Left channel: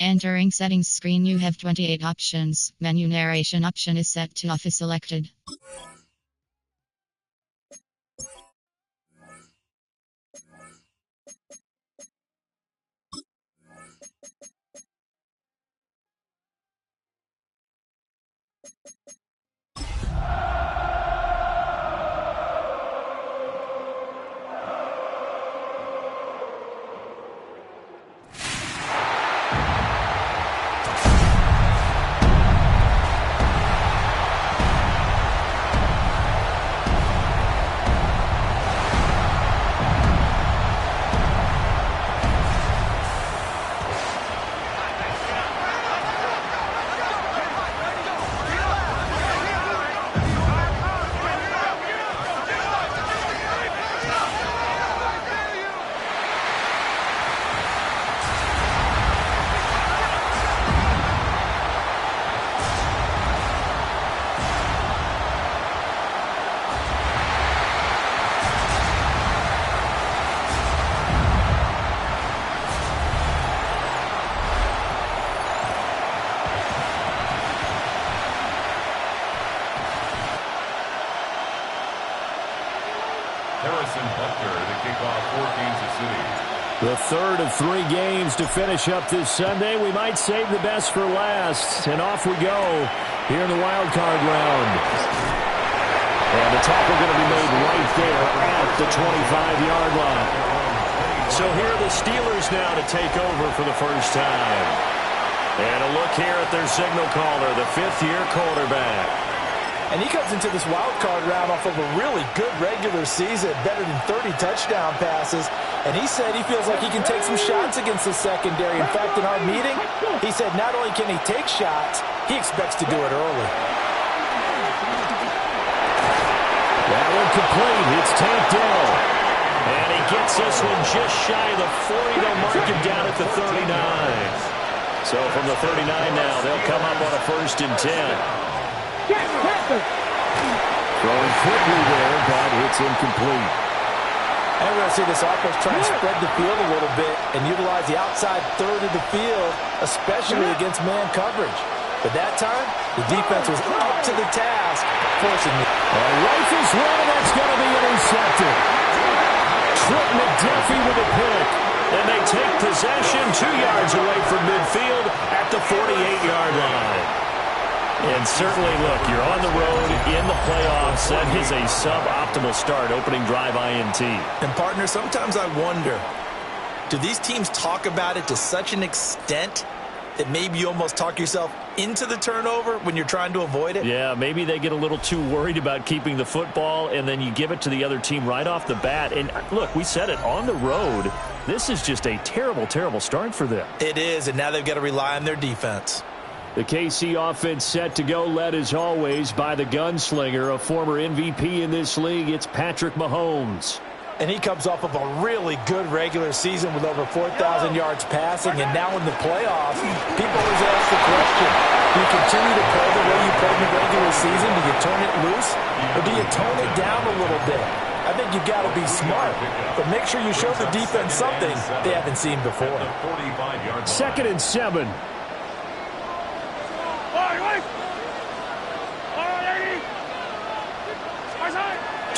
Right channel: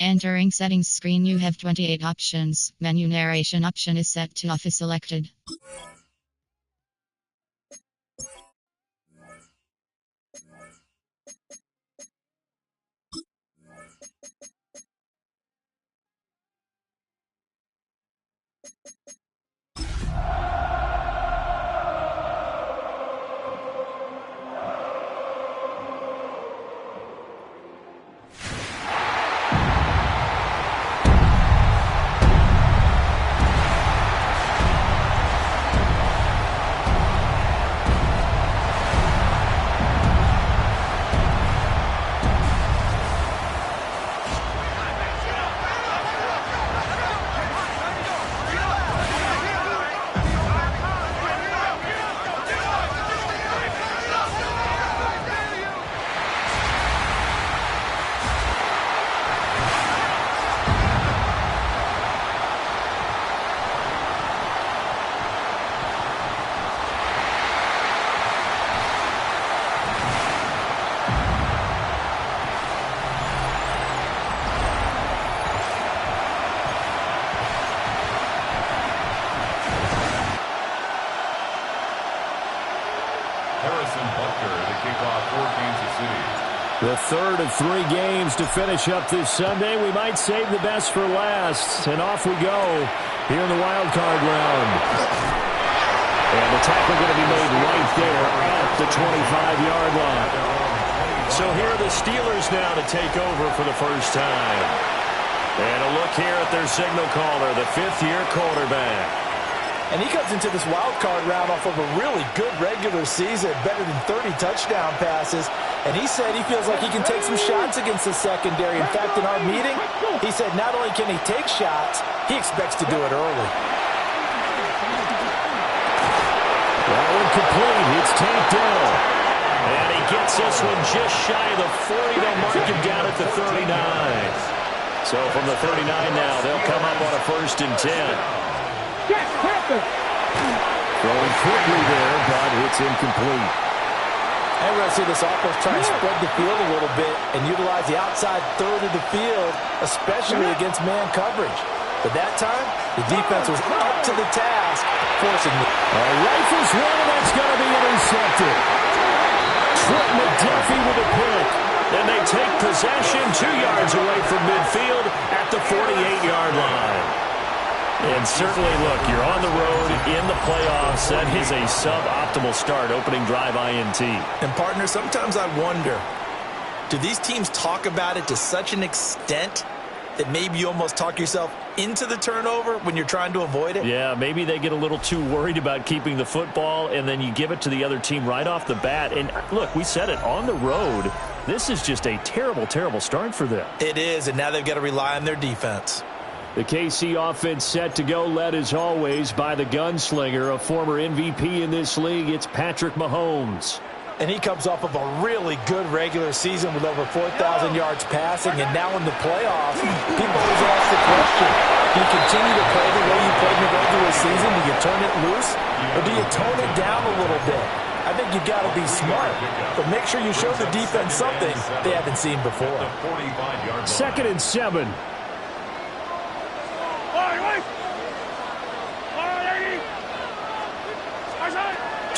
Entering settings screen, you have 28 options. Menu narration option is set to off is selected. The kickoff for Kansas City. The third of 3 games to finish up this Sunday. We might save the best for last. And off we go here in the wild card round. And the tackle going to be made right there at the 25-yard line. So here are the Steelers now to take over for the first time. And a look here at their signal caller, the 5th-year quarterback. And he comes into this wild card round off of a really good regular season, better than 30 touchdown passes. And he said he feels like he can take some shots against the secondary. In fact, in our meeting, he said not only can he take shots, he expects to do it early. That one complete. It's Tank Dell. And he gets this one just shy of the 40. They'll mark him down at the 39. So from the 39 now, they'll come up on a 1st and 10. Throwing quickly there, but it's incomplete. And we're going to see this offense try and spread the field a little bit and utilize the outside third of the field, especially against man coverage. But that time, the defense was up to the task, forcing the... Rifles one, and that's going to be intercepted. Trent McDuffie with a pick. And they take possession 2 yards away from midfield at the 48-yard line. And certainly, look, you're on the road in the playoffs. That is a suboptimal start, opening drive INT. And, partner, sometimes I wonder, do these teams talk about it to such an extent that maybe you almost talk yourself into the turnover when you're trying to avoid it? Yeah, maybe they get a little too worried about keeping the football, and then you give it to the other team right off the bat. And, look, we said it, on the road, this is just a terrible, terrible start for them. It is, and now they've got to rely on their defense. The KC offense set to go, led as always by the gunslinger, a former MVP in this league. It's Patrick Mahomes. And he comes off of a really good regular season with over 4,000 yards passing. And now in the playoffs, people always ask the question, do you continue to play the way you played in the regular season? Do you turn it loose? Or do you tone it down a little bit? I think you've got to be smart, but make sure you show the defense something they haven't seen before. 2nd and 7.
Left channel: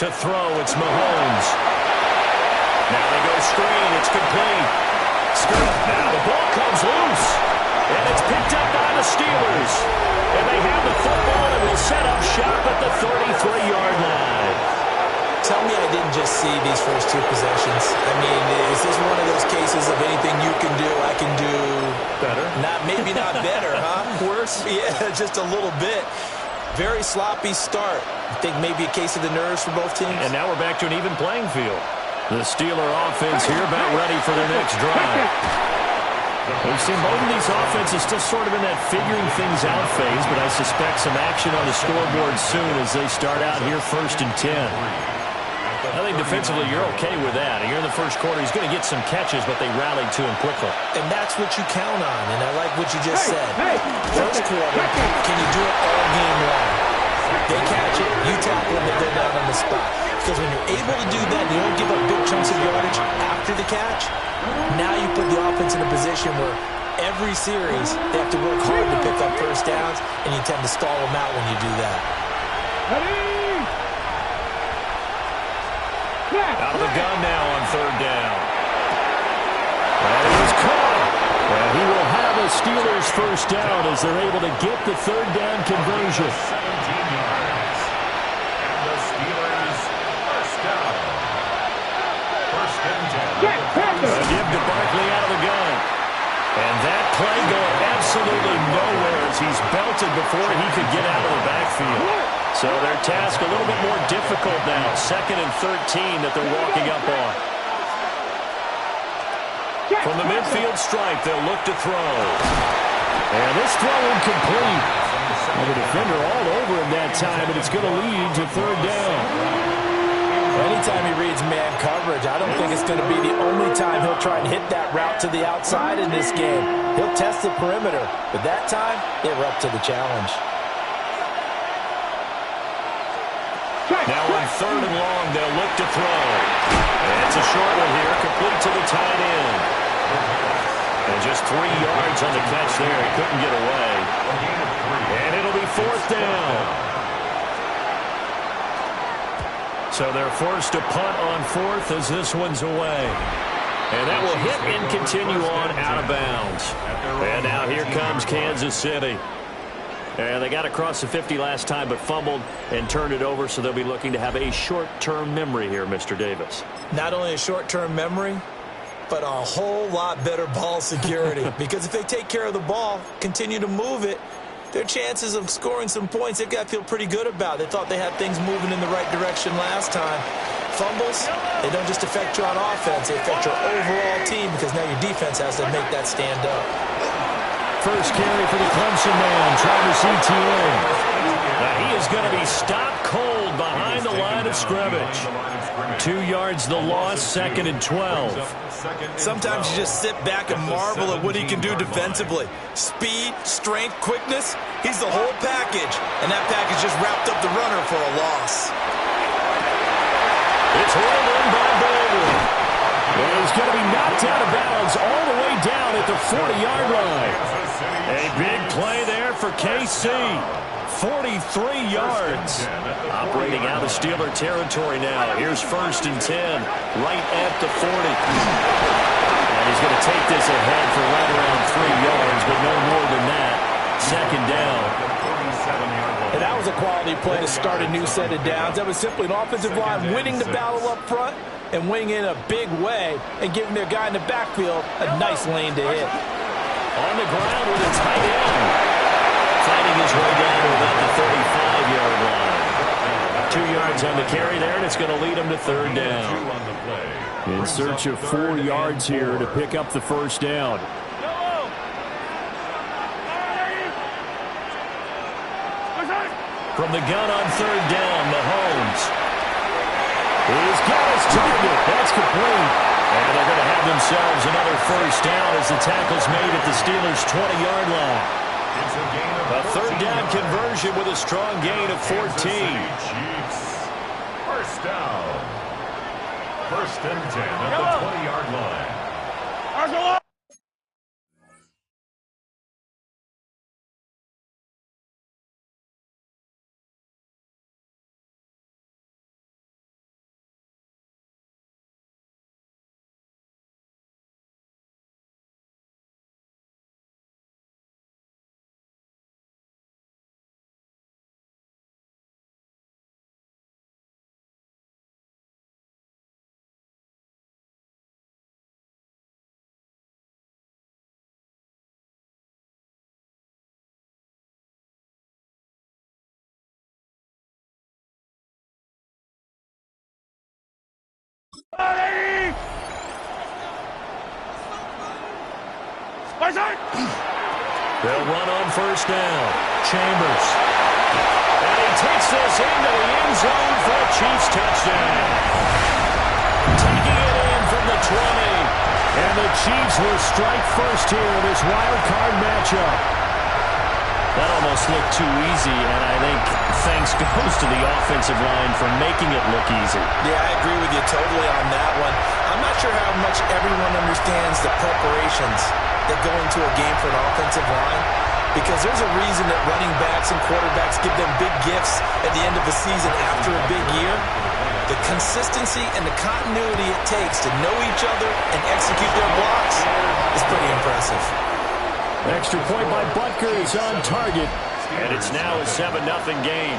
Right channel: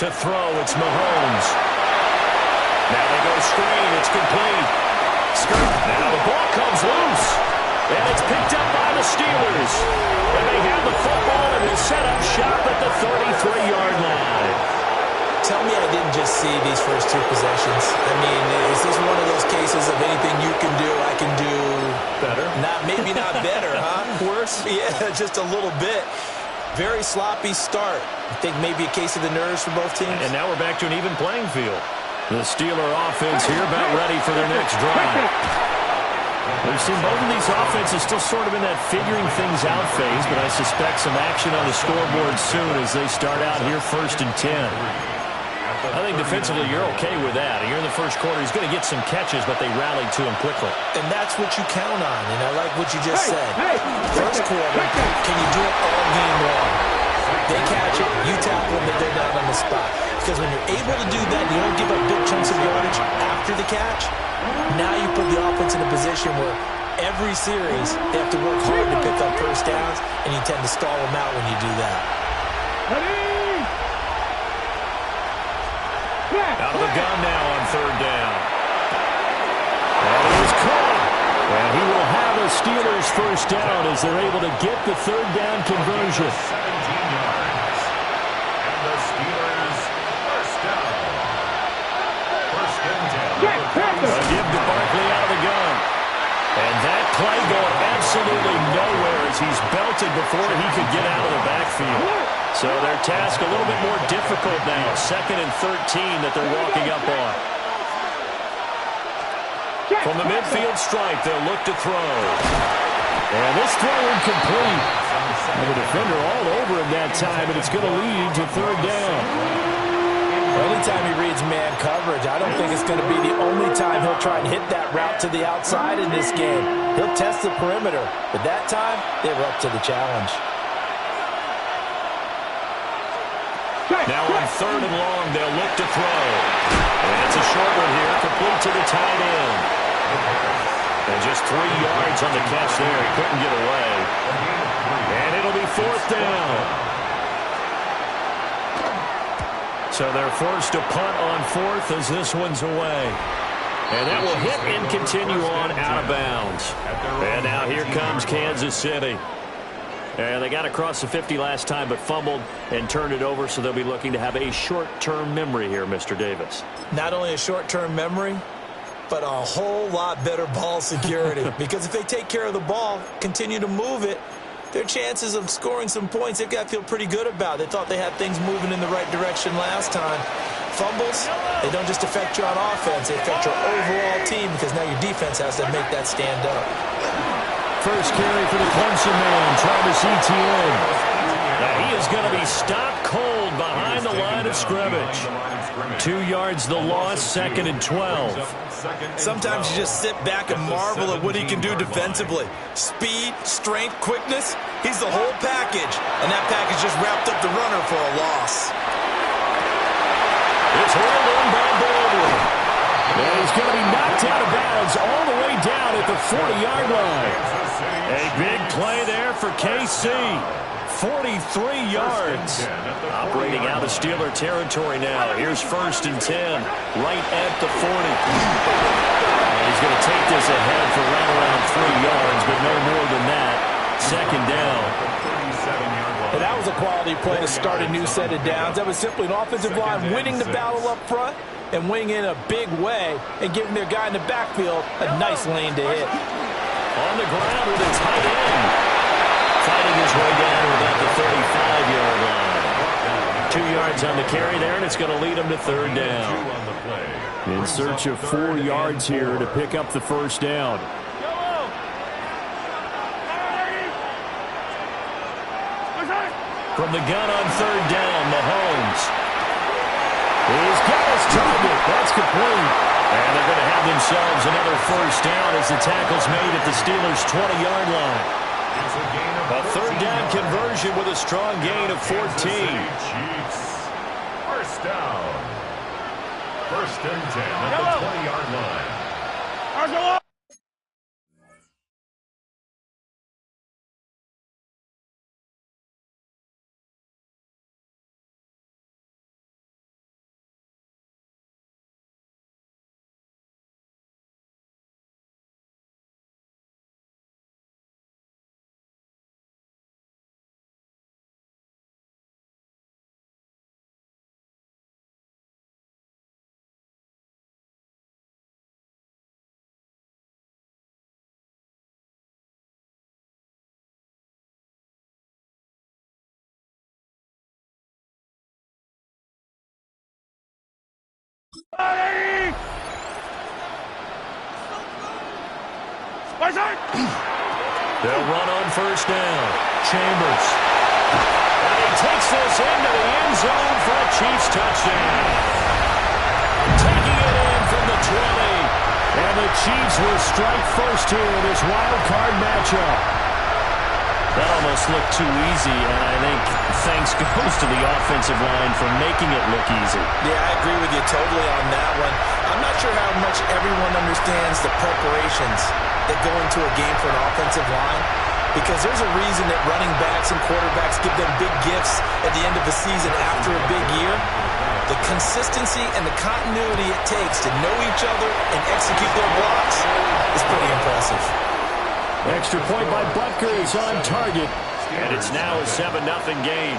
To throw, it's Mahomes. Now they go screen. It's complete. Now the ball comes loose. And it's picked up by the Steelers. And they have the football and will set up shop at the 33-yard line. Tell me I didn't just see these first 2 possessions. I mean, is this one of those cases of anything you can do, I can do... better? Maybe not better, huh? Worse? Yeah, just a little bit. Very sloppy start. I think maybe a case of the nerves for both teams. And now we're back to an even playing field. The Steeler offense here about ready for their next drive. We've seen both of these offenses still sort of in that figuring things out phase, but I suspect some action on the scoreboard soon as they start out here 1st and 10. I think defensively you're okay with that. Here in the first quarter, he's going to get some catches, but they rallied to him quickly. And that's what you count on, and I like what you just said. First quarter, can you do it all game long? They catch it, you tackle them, and they're down on the spot. Because when you're able to do that, you don't give up big chunks of yardage after the catch, now you put the offense in a position where every series, they have to work hard to pick up first downs, and you tend to stall them out when you do that. Out of the gun now on third down. And he was caught. And he will have a Steelers first down as they're able to get the third down conversion. 17 yards. And the Steelers first down. First and 10. A give to Barkley out of the gun. And that play going absolutely nowhere as he's belted before he could get out of the backfield. So their task a little bit more difficult now. 2nd and 13 that they're walking up on. From the midfield stripe, they'll look to throw. And this throw incomplete. And the defender all over him that time, and it's going to lead to third down. Well, anytime he reads man coverage, I don't think it's going to be the only time he'll try and hit that route to the outside in this game. He'll test the perimeter, but that time, they were up to the challenge. Now on 3rd and long, they'll look to throw. And it's a short one here, complete to the tight end. And just 3 yards on the catch there. He couldn't get away. And it'll be 4th down. So they're forced to punt on 4th as this one's away. And that will hit and continue on out of bounds. And now here comes Kansas City. And they got across the 50 last time but fumbled and turned it over, so they'll be looking to have a short-term memory here, Mr. Davis. Not only a short-term memory, but a whole lot better ball security. Because if they take care of the ball, continue to move it, their chances of scoring some points, they've got to feel pretty good about. They thought they had things moving in the right direction last time. Fumbles, they don't just affect you on offense, they affect your overall team because now your defense has to make that stand up. First carry for the Clemson man, Travis Etienne. Now he is going to be stopped cold behind the line of scrimmage. 2 yards the loss, 2nd and 12. Sometimes you just sit back and marvel at what he can do defensively. Speed, strength, quickness, he's the whole package. And that package just wrapped up the runner for a loss. It's reeled in by Baldwin. And he's going to be knocked out of bounds all the way down at the 40-yard line. A big play there for KC. 43 yards. Operating out of Steeler territory now. Here's 1st and 10, right at the 40. And he's going to take this ahead for right around 3 yards, but no more than that. 2nd down. And that was a quality play to start a new set of downs. That was simply an offensive line winning the battle up front and winning in a big way and giving their guy in the backfield a nice lane to hit. On the ground with a tight end. Fighting his way down to about the 35-yard line. 2 yards on the carry there, and it's going to lead him to 3rd down. In search of 4 yards here to pick up the first down. From the gun on 3rd down, Mahomes. He's got his target. That's complete. And they're going to have themselves another first down as the tackle's made at the Steelers' 20-yard line. A 3rd down conversion with a strong gain of 14. First down. 1st and 10 at the 20-yard line. They'll run on 1st down. Chambers. And he takes this into the end zone for a Chiefs touchdown. Taking it in from the 20. And the Chiefs will strike first here in this wild card matchup. That almost looked too easy, and I think thanks this goes to the offensive line for making it look easy. Yeah, I agree with you totally on that one. I'm not sure how much everyone understands the preparations that go into a game for an offensive line, because there's a reason that running backs and quarterbacks give them big gifts at the end of the season after a big year. The consistency and the continuity it takes to know each other and execute their blocks is pretty impressive. Extra point by Butker is on target, and it's now a 7-0 game.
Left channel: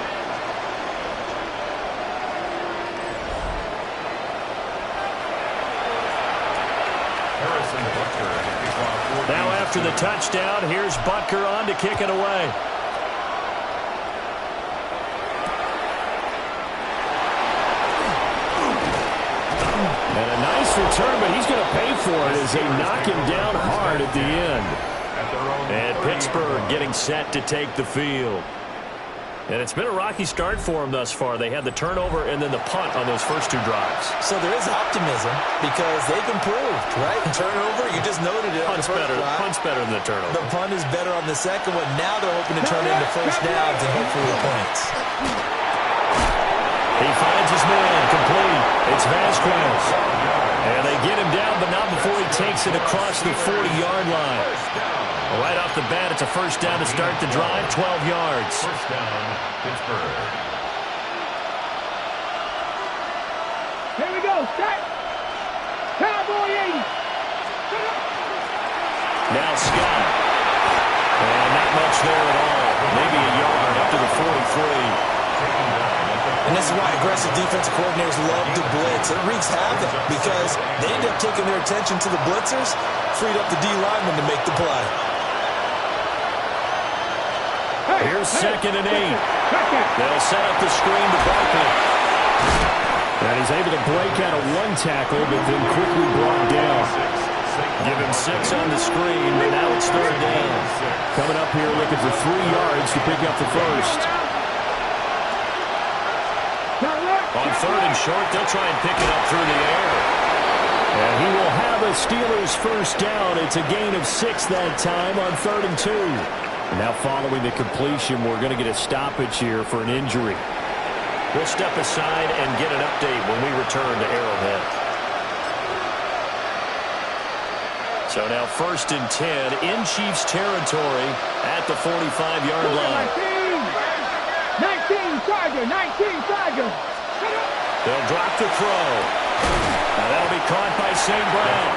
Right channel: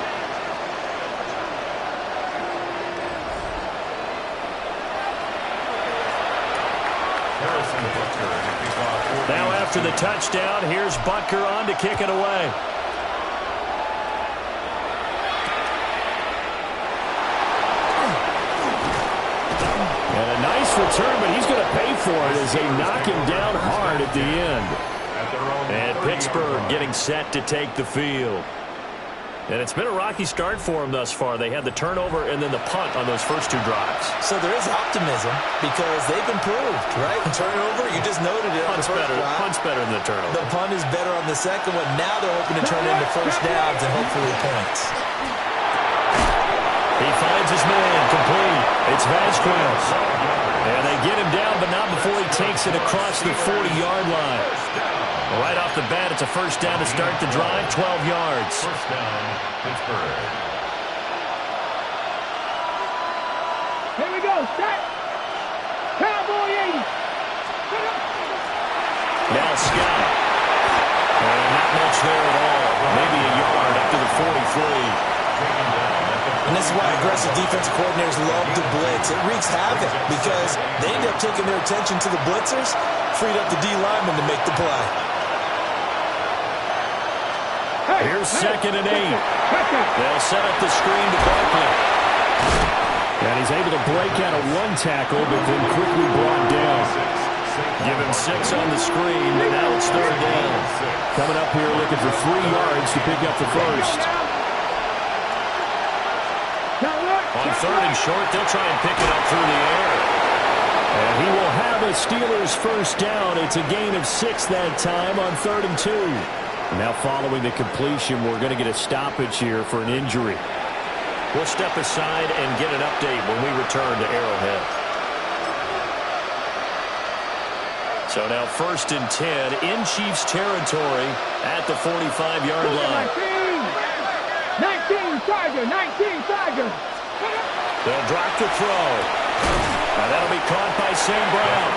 Now after the touchdown, here's Butker on to kick it away. And a nice return, but he's going to pay for it as they knock him down hard at the end. And Pittsburgh getting set to take the field. And it's been a rocky start for them thus far. They had the turnover and then the punt on those first two drives. So there is optimism because they've improved, right? Turnover, you just noted it on the first drive. Punt's better than the turnover. The punt is better on the second one. Now they're hoping to turn into first downs and hopefully points. He finds his man, complete. It's Vasquez. And they get him down, but not before he takes it across the 40-yard line. Right off the bat, it's a first down to start the drive, 12 yards. First down, Pittsburgh. Here we go. Set. Cowboy 80. Now Scott. And not much there at all. Maybe a yard up to the 43. And this is why aggressive defensive coordinators love to blitz. It wreaks havoc because they end up taking their attention to the blitzers, freed up the D lineman to make the play. Here's 2nd and 8. They'll set up the screen to Barkley. And he's able to break out of one tackle, but then quickly brought down. Give him 6 on the screen, and now it's 3rd down. Coming up here looking for 3 yards to pick up the first. On 3rd and short, they'll try and pick it up through the air. And he will have a Steelers first down. It's a gain of 6 that time on 3rd and 2. Now following the completion, we're going to get a stoppage here for an injury. We'll step aside and get an update when we return to Arrowhead. So now 1st and 10 in Chiefs territory at the 45-yard line. 19 Tiger, 19 Tiger. They'll drop the throw. And that'll be caught by St. Brown.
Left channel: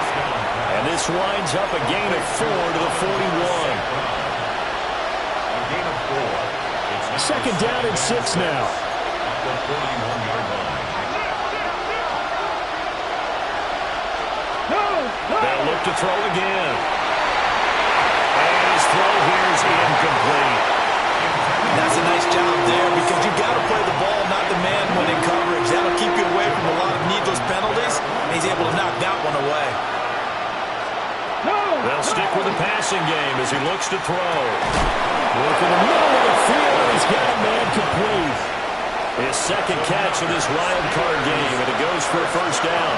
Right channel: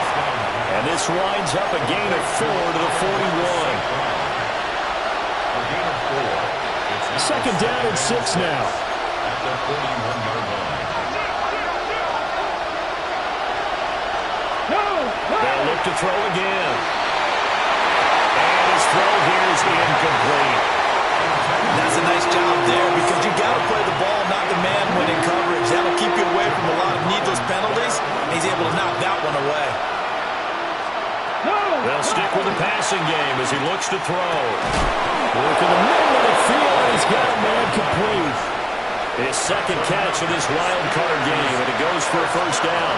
And this winds up a gain of 4 to the 41. Second down and 6 now. At the 41-yard line. They'll look to throw again. And his throw here is incomplete. That's a nice job there because you got to play the ball, not the man when in coverage. That'll keep you away from a lot of needless penalties. And he's able to knock that one away. They'll stick with the passing game as he looks to throw. Work in the middle of the field, and he's got a man complete. His 2nd catch of this wild card game, and it goes for a first down.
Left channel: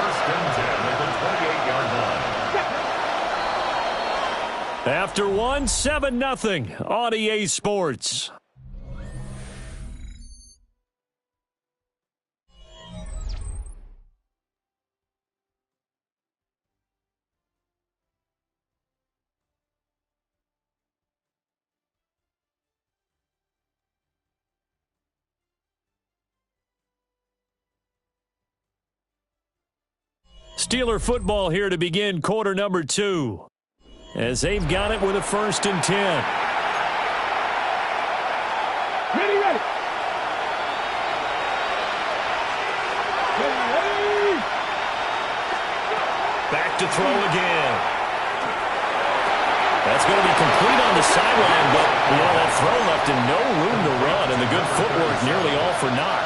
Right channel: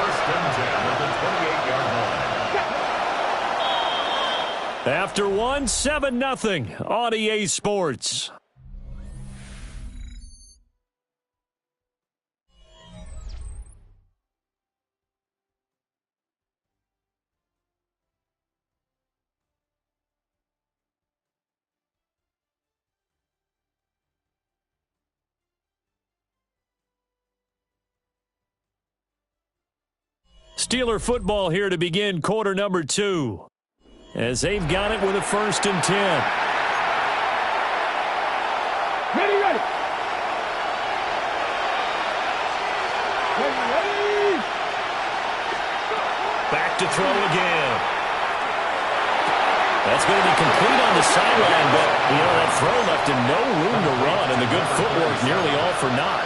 1st and 10 at the 28-yard line. After 1, 7-0 on EA Sports. Steeler football here to begin quarter number 2. As they've got it with a 1st and 10. Ready. Ready. Back to throw again. That's going to be complete on the sideline, but, that throw left him no room to run, and the good footwork nearly all for naught.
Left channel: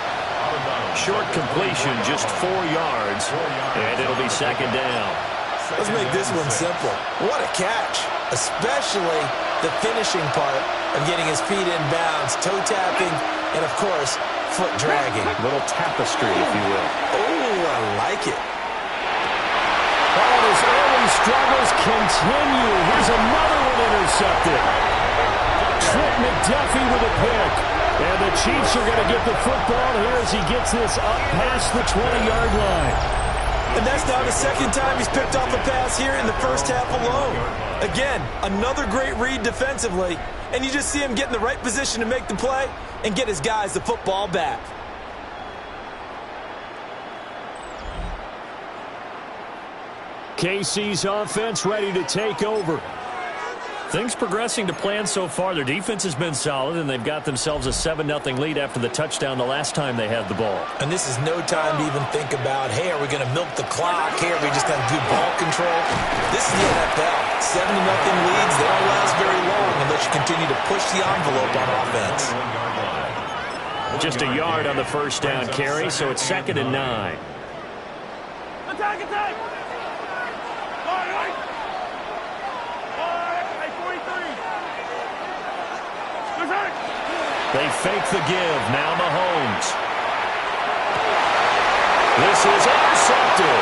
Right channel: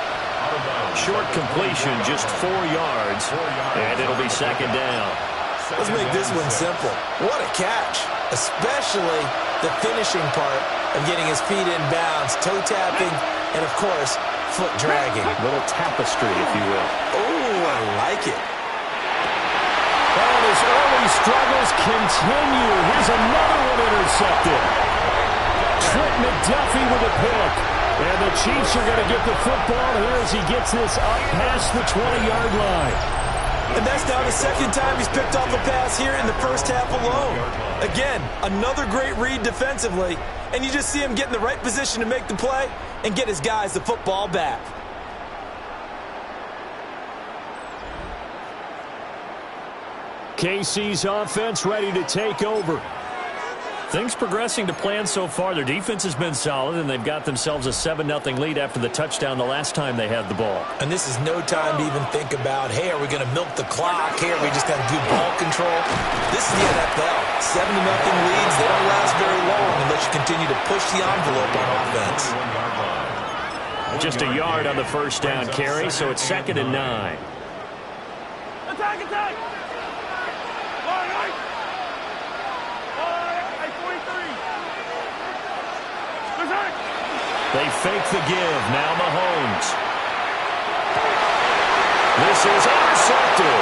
Short completion, just 4 yards, and it'll be 2nd down. Let's make this one simple. What a catch, especially the finishing part of getting his feet in bounds, toe tapping, and, of course, foot dragging. A little tapestry, if you will. Oh, I like it. Oh, his early struggles continue. Here's another one intercepted. Trent McDuffie with a pick. And the Chiefs are going to get the football here as he gets this up past the 20-yard line. And that's now the second time he's picked off a pass here in the first half alone. Again, another great read defensively, and you just see him get in the right position to make the play and get his guys the football back. KC's offense ready to take over. Things progressing to plan so far. Their defense has been solid, and they've got themselves a 7-0 lead after the touchdown the last time they had the ball. And this is no time to even think about, hey, are we going to milk the clock? Hey, are we just going to do ball control? This is the NFL. 7-0 leads, they don't last very long unless you continue to push the envelope on offense. Just a yard on the first down carry, so it's 2nd and 9. Attack, attack! All right. 43. They fake the give. Now Mahomes. This is intercepted.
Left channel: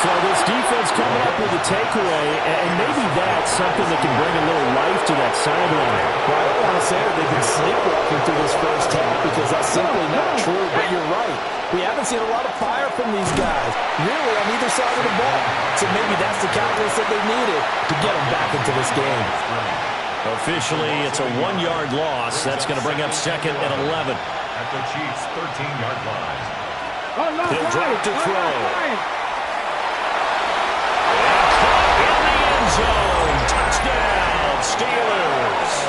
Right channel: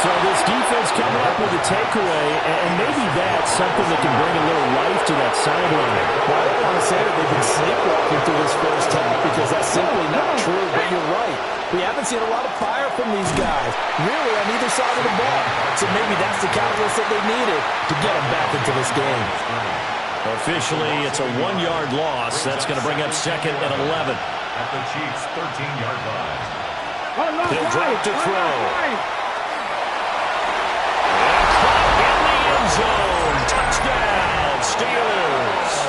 So this defense coming up with a takeaway, and maybe that's something that can bring a little life to that sideline. Well, I don't want to say that they've been sleepwalking through this first half because that's simply not true, but you're right. We haven't seen a lot of fire from these guys, really, on either side of the ball. So maybe that's the catalyst that they needed to get them back into this game. Officially, it's a 1-yard loss. That's going to bring up 2nd and 11. At the Chiefs' 13-yard line. He'll drop to throw. And caught in the end zone. Touchdown, Steelers.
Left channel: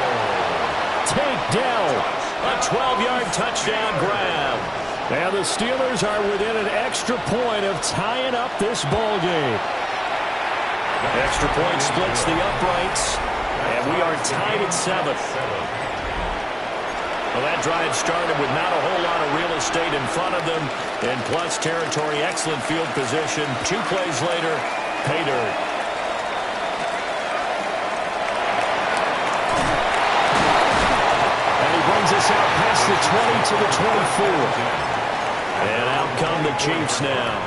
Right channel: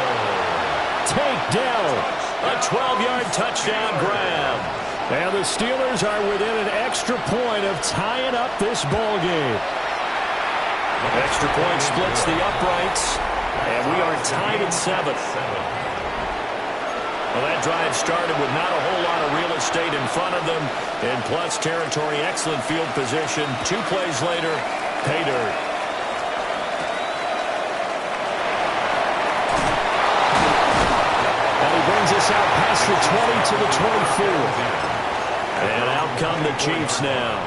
Takedown. A 12-yard touchdown grab. And the Steelers are within an extra point of tying up this ball game. Extra point splits the uprights, and we are tied at 7. Well, that drive started with not a whole lot of real estate in front of them. In plus territory, excellent field position. 2 plays later, pay dirt. And he brings us out past the 20 to the 24. And out come the Chiefs now.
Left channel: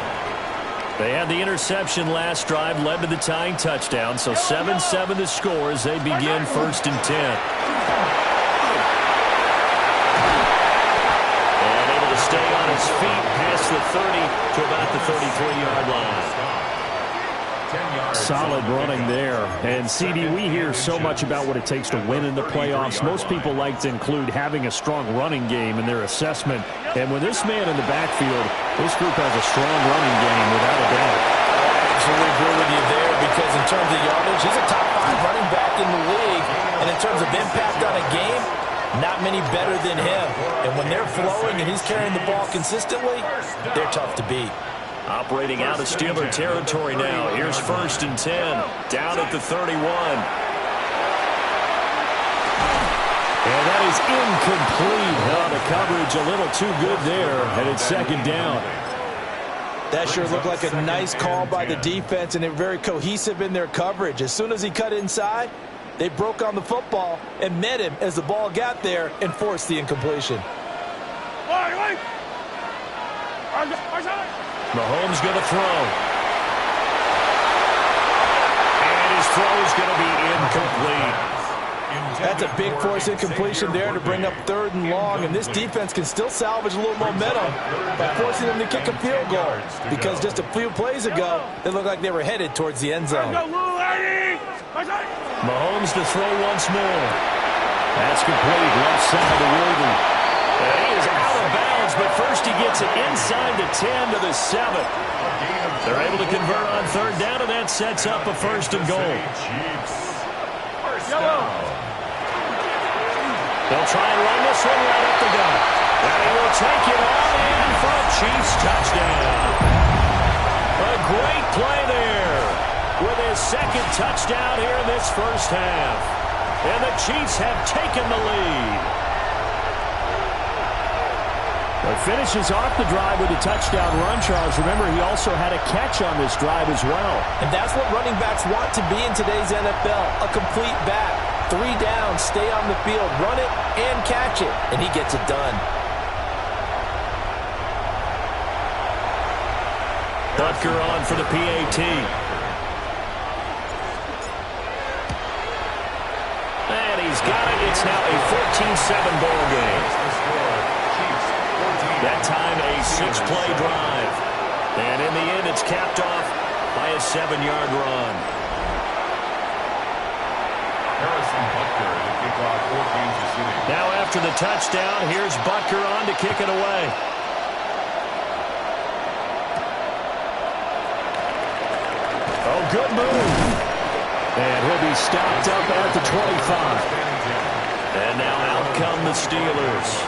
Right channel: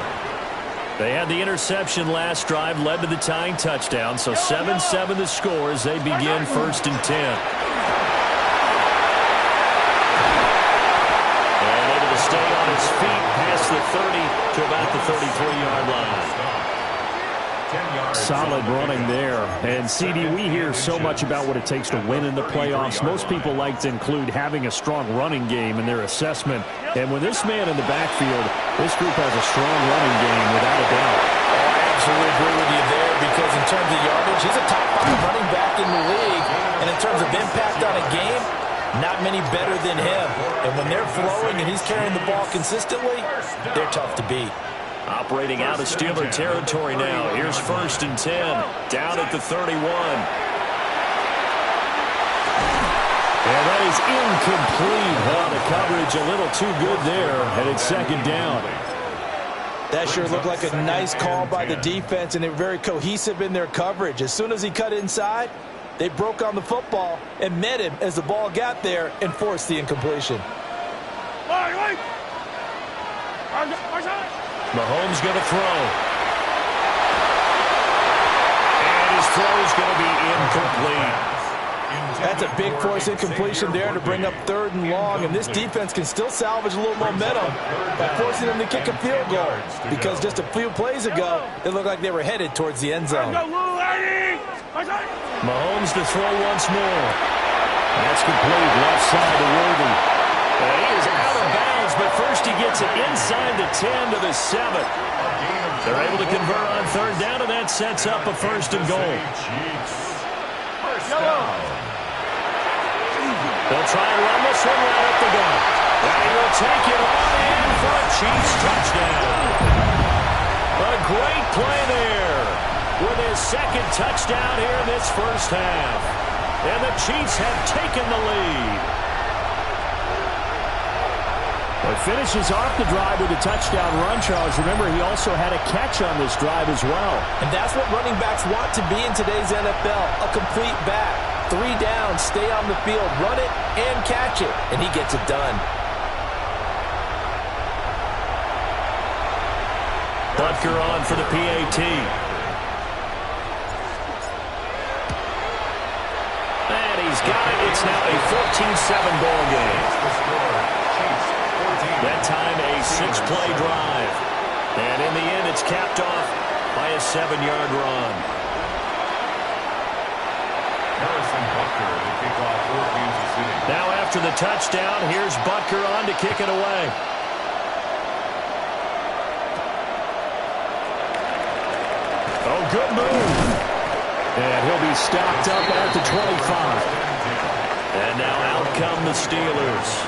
They had the interception last drive, led to the tying touchdown. So 7-7 the score as they begin 1st and 10. And able to stay on his feet past the 30 to about the 33-yard line. Solid running there. And, CD, we hear so much about what it takes to win in the playoffs. Most people like to include having a strong running game in their assessment. And with this man in the backfield, this group has a strong running game without a doubt. Oh, I absolutely agree with you there because in terms of yardage, he's a top 5 running back in the league. And in terms of impact on a game, not many better than him. And when they're flowing and he's carrying the ball consistently, they're tough to beat. Operating out of Steeler territory now. Here's 1st and 10. Down at the 31. And that is incomplete. The coverage a little too good there. And it's 2nd down. That sure looked like a nice call by the defense, and they were very cohesive in their coverage. As soon as he cut inside, they broke on the football and met him as the ball got there and forced the incompletion. Mahomes going to throw. And his throw is going to be incomplete. That's a big force incompletion there to bring up 3rd and long, and this defense can still salvage a little momentum by forcing them to kick a field goal because just a few plays ago, it looked like they were headed towards the end zone. Mahomes to throw once more. That's complete. Left side to Worthy. He is out of bounds, but first he gets it inside the 10 to the 7. They're able to convert on 3rd down, and that sets up a 1st and goal. They'll try and run this one right up the gut. And he will take it on in for a Chiefs touchdown. A great play there with his 2nd touchdown here in this first half. And the Chiefs have taken the lead. But finishes off the drive with a touchdown run, Charles. Remember, he also had a catch on this drive as well. And that's what running backs want to be in today's NFL, a complete back. 3 down, stay on the field, run it, and catch it. And he gets it done. Butker on for the PAT. And he He's got it. It's now a 14-7 ball game. That time a 6-play drive. And in the end, it's capped off by a 7-yard run. Harrison Butker to kick off for Kansas City. Now after the touchdown, here's Butker on to kick it away. Oh, good move. And he'll be stopped up at the 25. And now out come the Steelers.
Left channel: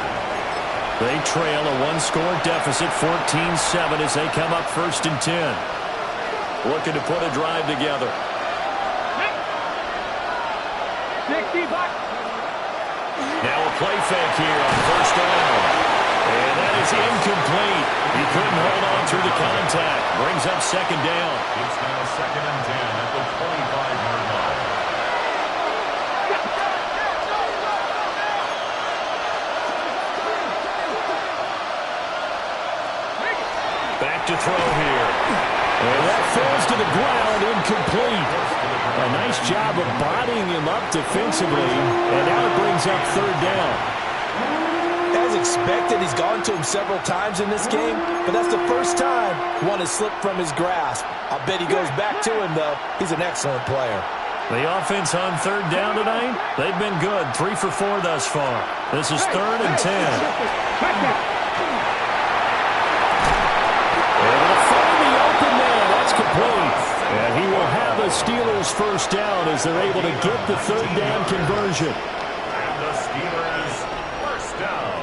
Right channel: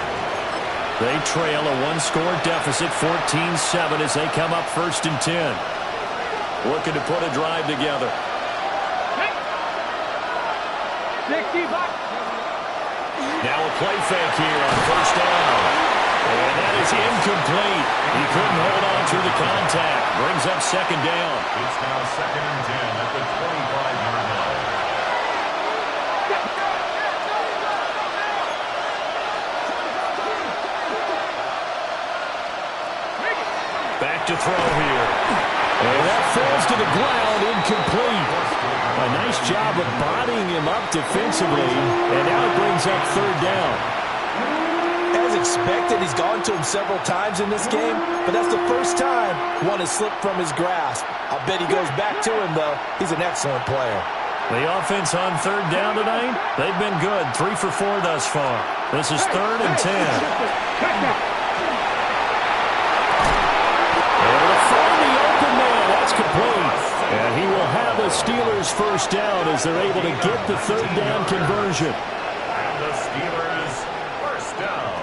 They trail a 1-score deficit, 14-7, as they come up 1st and 10. Looking to put a drive together. 60 back. Now a play fake here on 1st down. And that is incomplete. He couldn't hold on through the contact. Brings up 2nd down. It's now 2nd and 10 at the 25-yard line. Back to throw here. And that falls to the ground, incomplete. A nice job of bodying him up defensively. And now it brings up 3rd down. As expected, he's gone to him several times in this game, but that's the first time one has slipped from his grasp. I'll bet he goes back to him, though. He's an excellent player. The offense on 3rd down tonight, they've been good. 3 for 4 thus far. This is 3rd and 10. Able to find the open man. That's complete. And he will have a Steelers 1st down as they're able to get the 3rd down conversion. And the Steelers 1st down.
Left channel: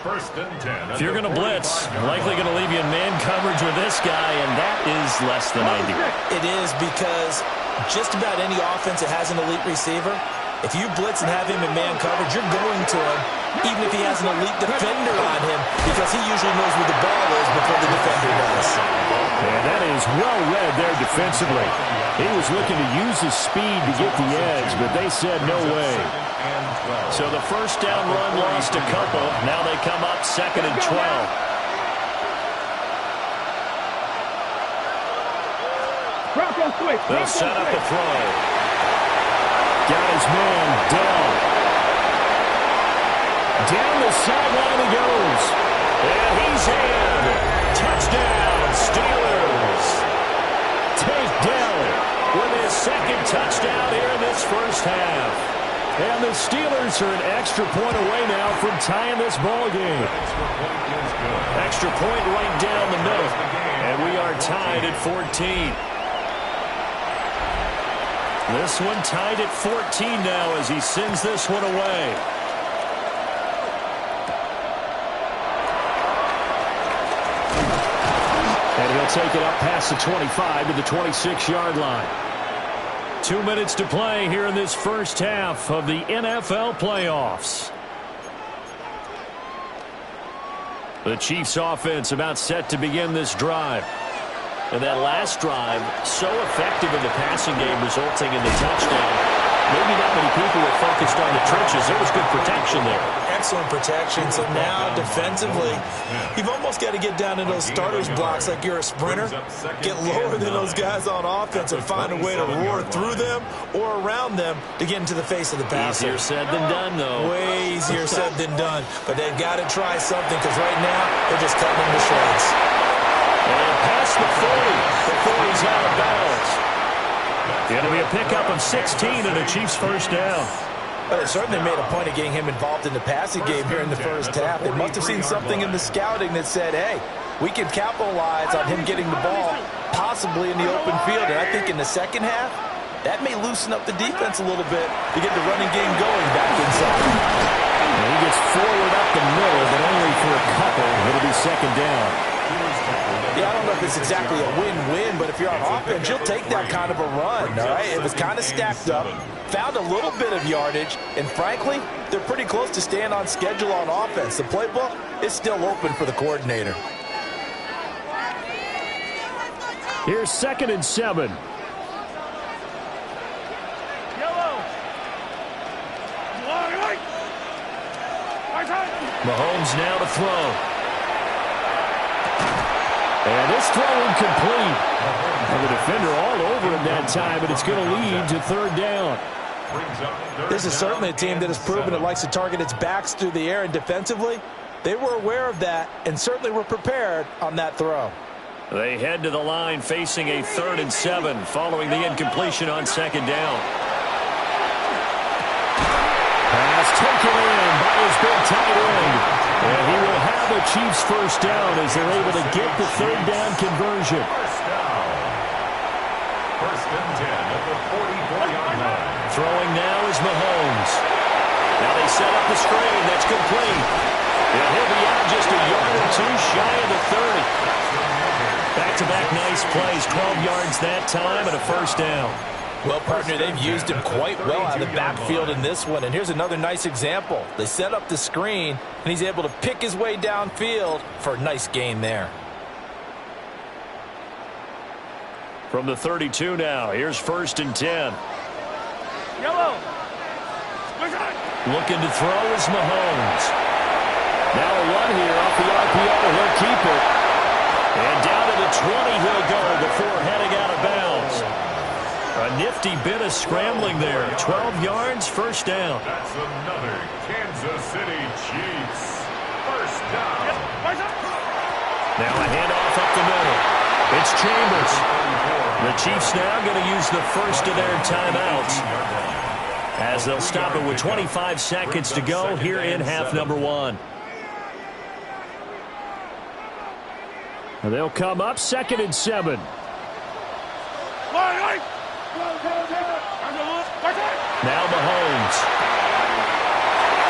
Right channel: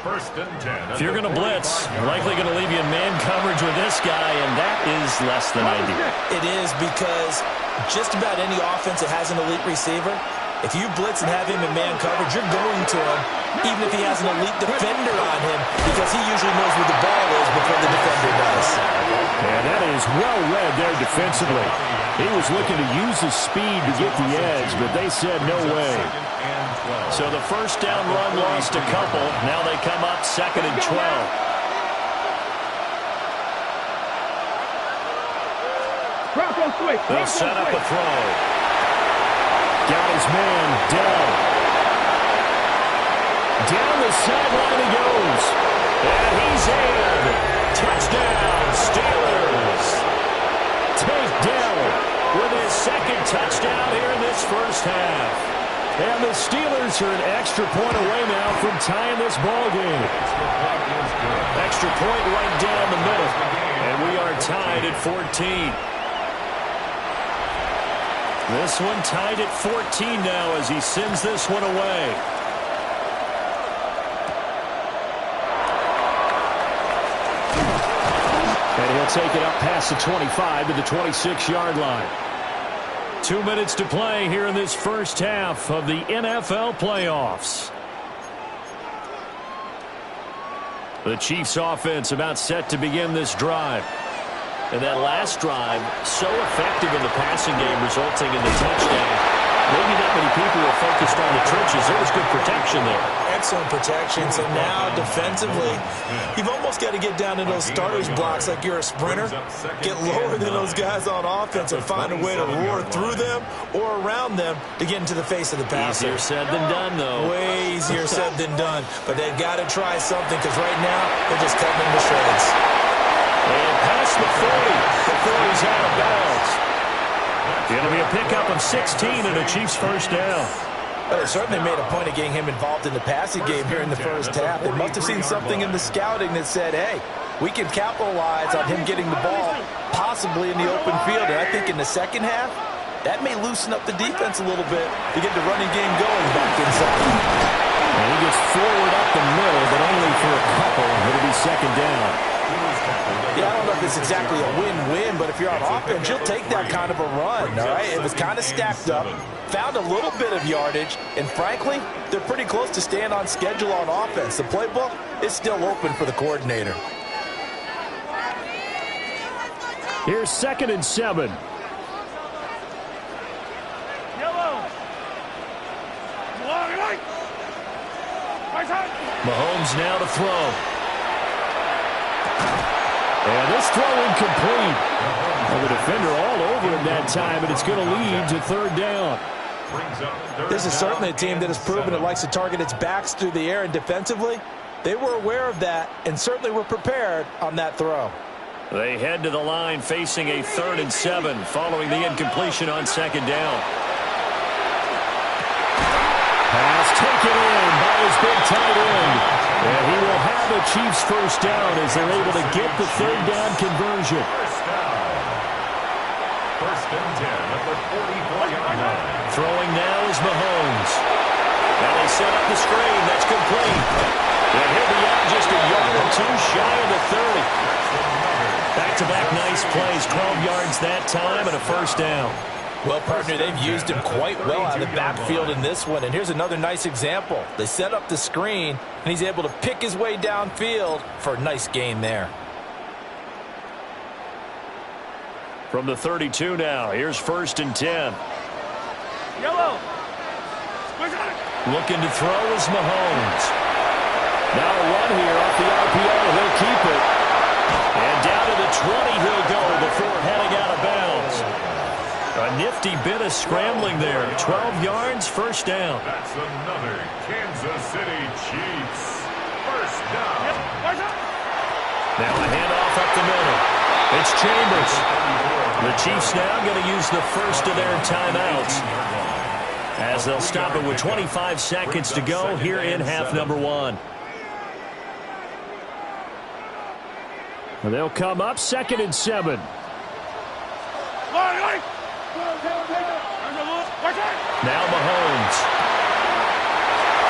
1st and 10. If you're going to blitz, you're likely going to leave you in man coverage with this guy, and that is less than ideal. It is, because just about any offense that has an elite receiver, if you blitz and have him in man coverage, you're going to him, even if he has an elite defender on him, because he usually knows where the ball is before the defender does. And that is well read there defensively. He was looking to use his speed to get the edge, but they said no way. So the 1st down run lost a couple. Now they come up 2nd and 12. They'll set up a throw. Got his man, Dell. Down the sideline he goes. And he's in. Touchdown, Steelers. Take Dell with his 2nd touchdown here in this 1st half. And the Steelers are an extra point away now from tying this ball game. Extra point is good. Extra point right down the middle. And we are tied at 14. This one tied at 14 now as he sends this one away. And he'll take it up past the 25 to the 26-yard line. 2 minutes to play here in this 1st half of the NFL playoffs. The Chiefs offense about set to begin this drive. And that last drive, so effective in the passing game, resulting in the touchdown. Maybe not many people were focused on the trenches. There was good protection there. Excellent protection. So now defensively, you've almost got to get down in those starters blocks like you're a sprinter. Get lower than those guys on offense and find a way to roar through them or around them to get into the face of the passer. Easier said than done, though. Way easier said than done. But they've got to try something, because right now they're just cutting them to shreds. And past the 40 before he's out of bounds. It'll be a pickup of 16 and a Chiefs 1st down. But they certainly made a point of getting him involved in the passing game here in the 1st half. They must have seen something in the scouting that said, hey, we can capitalize on him getting the ball, possibly in the open field. And I think in the 2nd half, that may loosen up the defense a little bit to get the running game going back inside. And he gets forward up the middle, but only for a couple. It'll be 2nd down. Yeah, I don't know if it's exactly a win-win, but if you're on offense, you'll take that kind of a run, all right? It was kind of stacked up, found a little bit of yardage, and frankly, they're pretty close to staying on schedule on offense. The playbook is still open for the coordinator. Here's 2nd and 7. Yellow. Mahomes now to throw. And this throw incomplete. Well, the defender all over him that time, but it's going to lead to 3rd down. brings up third This is down certainly a team that has proven it likes to target its backs through the air, and defensively, they were aware of that and certainly were prepared on that throw. They head to the line facing a 3rd and 7 following the incompletion on 2nd down. Pass taken in by his big tight end. And he will have a Chiefs first down as they're able to get the 3rd down conversion. First down. 1st and 10 at the 44-yard line. Throwing now is Mahomes. Now they set up the screen. That's complete. And he'll be out just a yard or two shy of the 30. Back-to-back nice plays. 12 yards that time and a first down. Well, partner, they've used him quite well out of the backfield in this one. And here's another nice example. They set up the screen, and he's able to pick his way downfield for a nice gain there. From the 32 now, here's 1st and 10. Yellow. Looking to throw is Mahomes. Now a run here off the RPO. He'll keep it. And down to the 20 he'll go before heading out of bounds. A nifty bit of scrambling there. 12 yards, first down. That's another Kansas City Chiefs first down. Now a handoff up the middle. It's Chambers. The Chiefs now going to use the first of their timeouts as they'll stop it with 25 seconds to go here in half number 1. They'll come up 2nd and 7. Now Mahomes.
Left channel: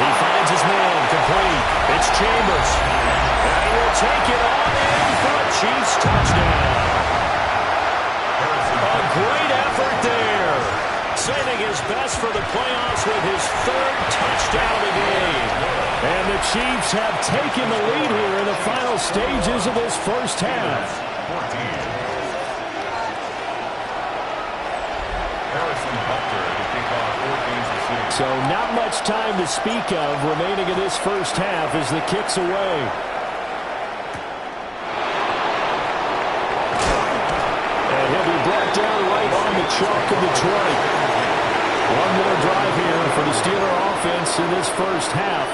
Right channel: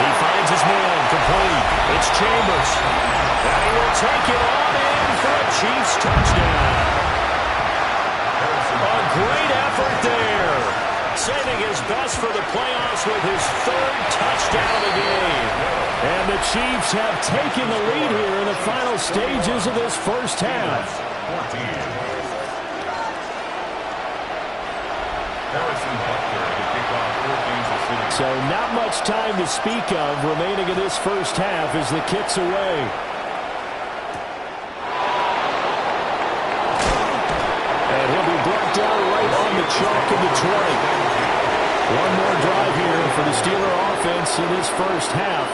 He finds his man complete. It's Chambers. And he will take it on in for a Chiefs touchdown. A great effort there. Saving his best for the playoffs with his 3rd touchdown of the game. And the Chiefs have taken the lead here in the final stages of this first half. So not much time to speak of remaining in this first half as the kick's away. And he'll be brought down right on the chalk of the 20. One more drive here for the Steeler offense in this first half.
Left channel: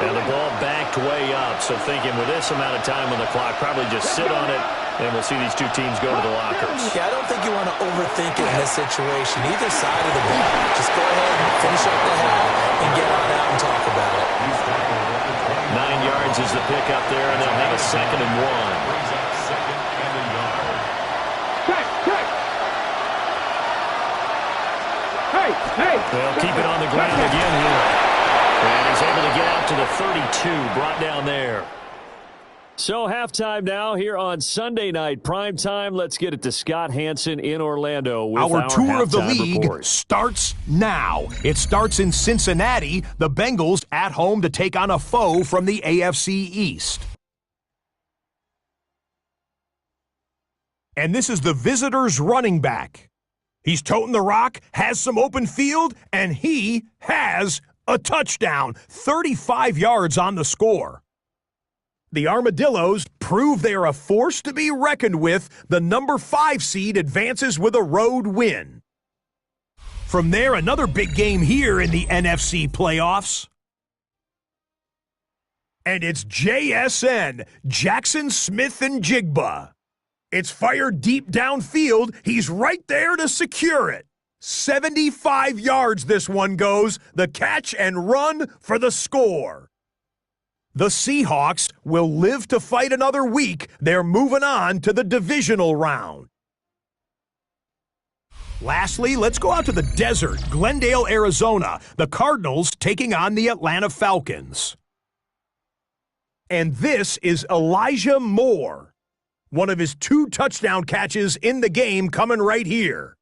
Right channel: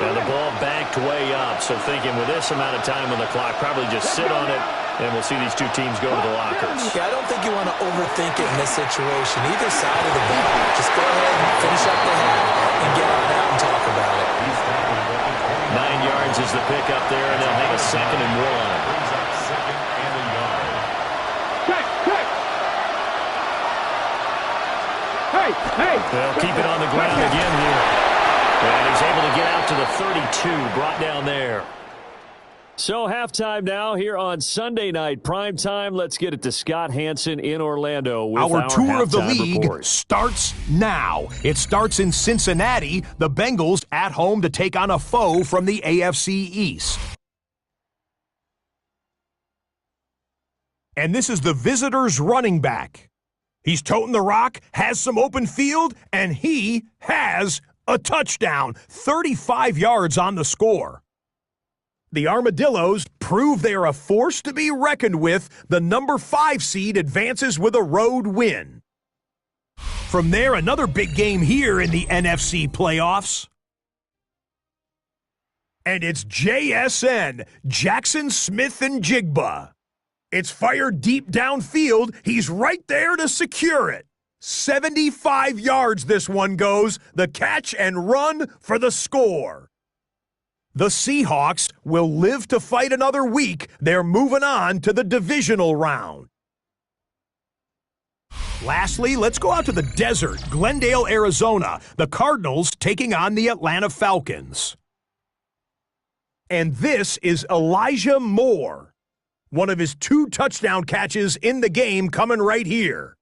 And the ball backed way up, so thinking with this amount of time on the clock, probably just sit on it, and we'll see these two teams go to the lockers. Yeah, I don't think you want to overthink it in this situation. Either side of the ball. Just go ahead and finish up the half and get on out and talk about it. 9 yards is the pickup there, and they'll have a 2nd and 1. Brings up 2nd and a yard. Hey! They'll keep it on the ground again here. And he's able to get out to the 32, brought down there. So halftime now here on Sunday Night Primetime. Let's get it to Scott Hansen in Orlando with our tour of the league report. starts now. It starts in Cincinnati. The Bengals at home to take on a foe from the AFC East. And this is the visitors' running back. He's toting the rock, has some open field, and he has a touchdown. 35 yards on the score. The Armadillos prove they are a force to be reckoned with. The number 5 seed advances with a road win. From there, another big game here in the NFC playoffs. And it's JSN, Jackson Smith and Jigba. It's fired deep downfield. He's right there to secure it. 75 yards this one goes. The catch and run for the score. The Seahawks will live to fight another week. They're moving on to the divisional round. Lastly, let's go out to the desert, Glendale, Arizona. The Cardinals taking on the Atlanta Falcons. And this is Elijah Moore. One of his 2 touchdown catches in the game coming right here.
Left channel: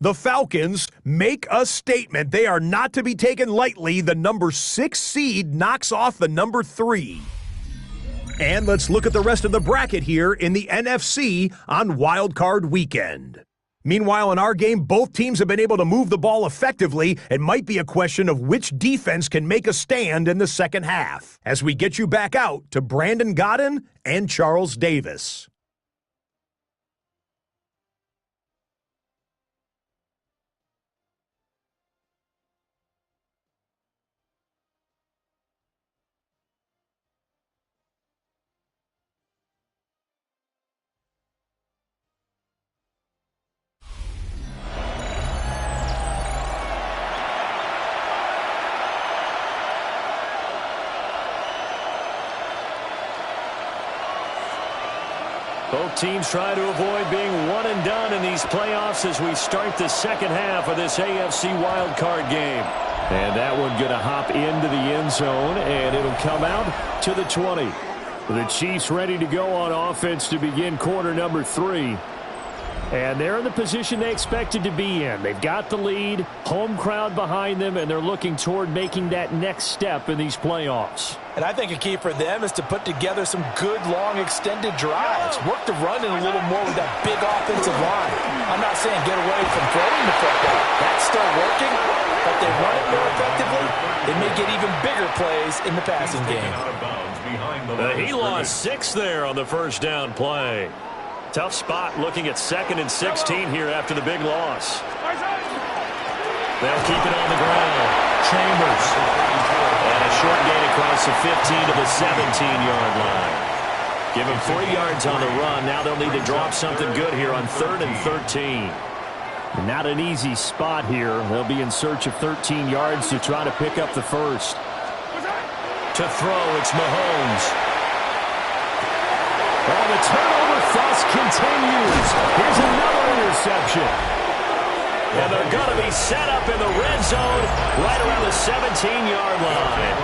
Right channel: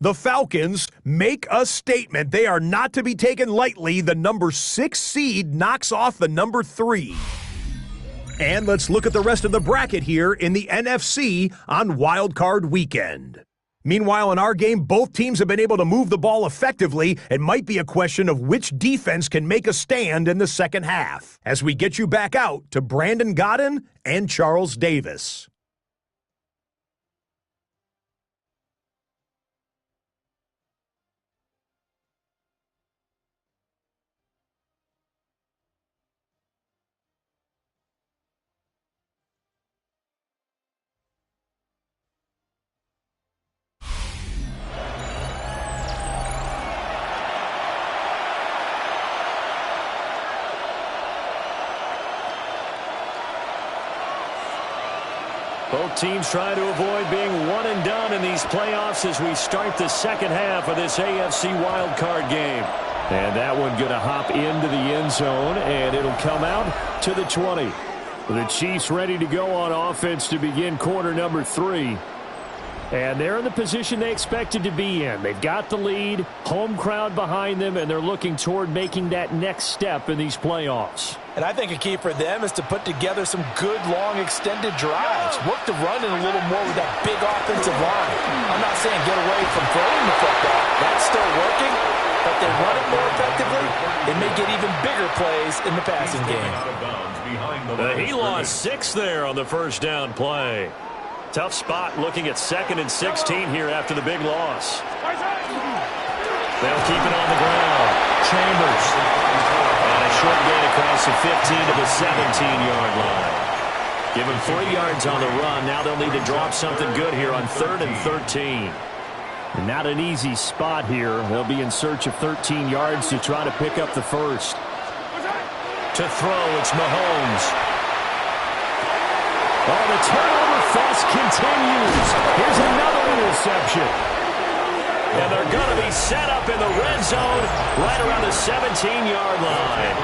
The Falcons make a statement. They are not to be taken lightly. The number 6 seed knocks off the number 3. And let's look at the rest of the bracket here in the NFC on wildcard weekend. Meanwhile, in our game, both teams have been able to move the ball effectively. It might be a question of which defense can make a stand in the second half. As we get you back out to Brandon Godden and Charles Davis. Both teams try to avoid being one and done in these playoffs as we start the second half of this AFC wildcard game. And that one going to hop into the end zone, and it'll come out to the 20. The Chiefs ready to go on offense to begin quarter number 3. And they're in the position they expected to be in. They've got the lead, home crowd behind them, and they're looking toward making that next step in these playoffs. And I think a key for them is to put together some good, long, extended drives. Work the run in a little more with that big offensive line. I'm not saying get away from throwing the football. That's still working. But they run it more effectively, they may get even bigger plays in the passing game. He lost 6 there on the first down play. Tough spot looking at 2nd and 16 here after the big loss. They'll keep it on the ground. Chambers. And a short gain across the 15 to the 17-yard line. Give him 3 yards on the run. Now they'll need to drop something good here on 3rd and 13. Not an easy spot here. They'll be in search of 13 yards to try to pick up the first. To throw, it's Mahomes. Oh, the turnover fuss continues. Here's another interception. And they're going to be set up in the red zone right around the 17-yard line.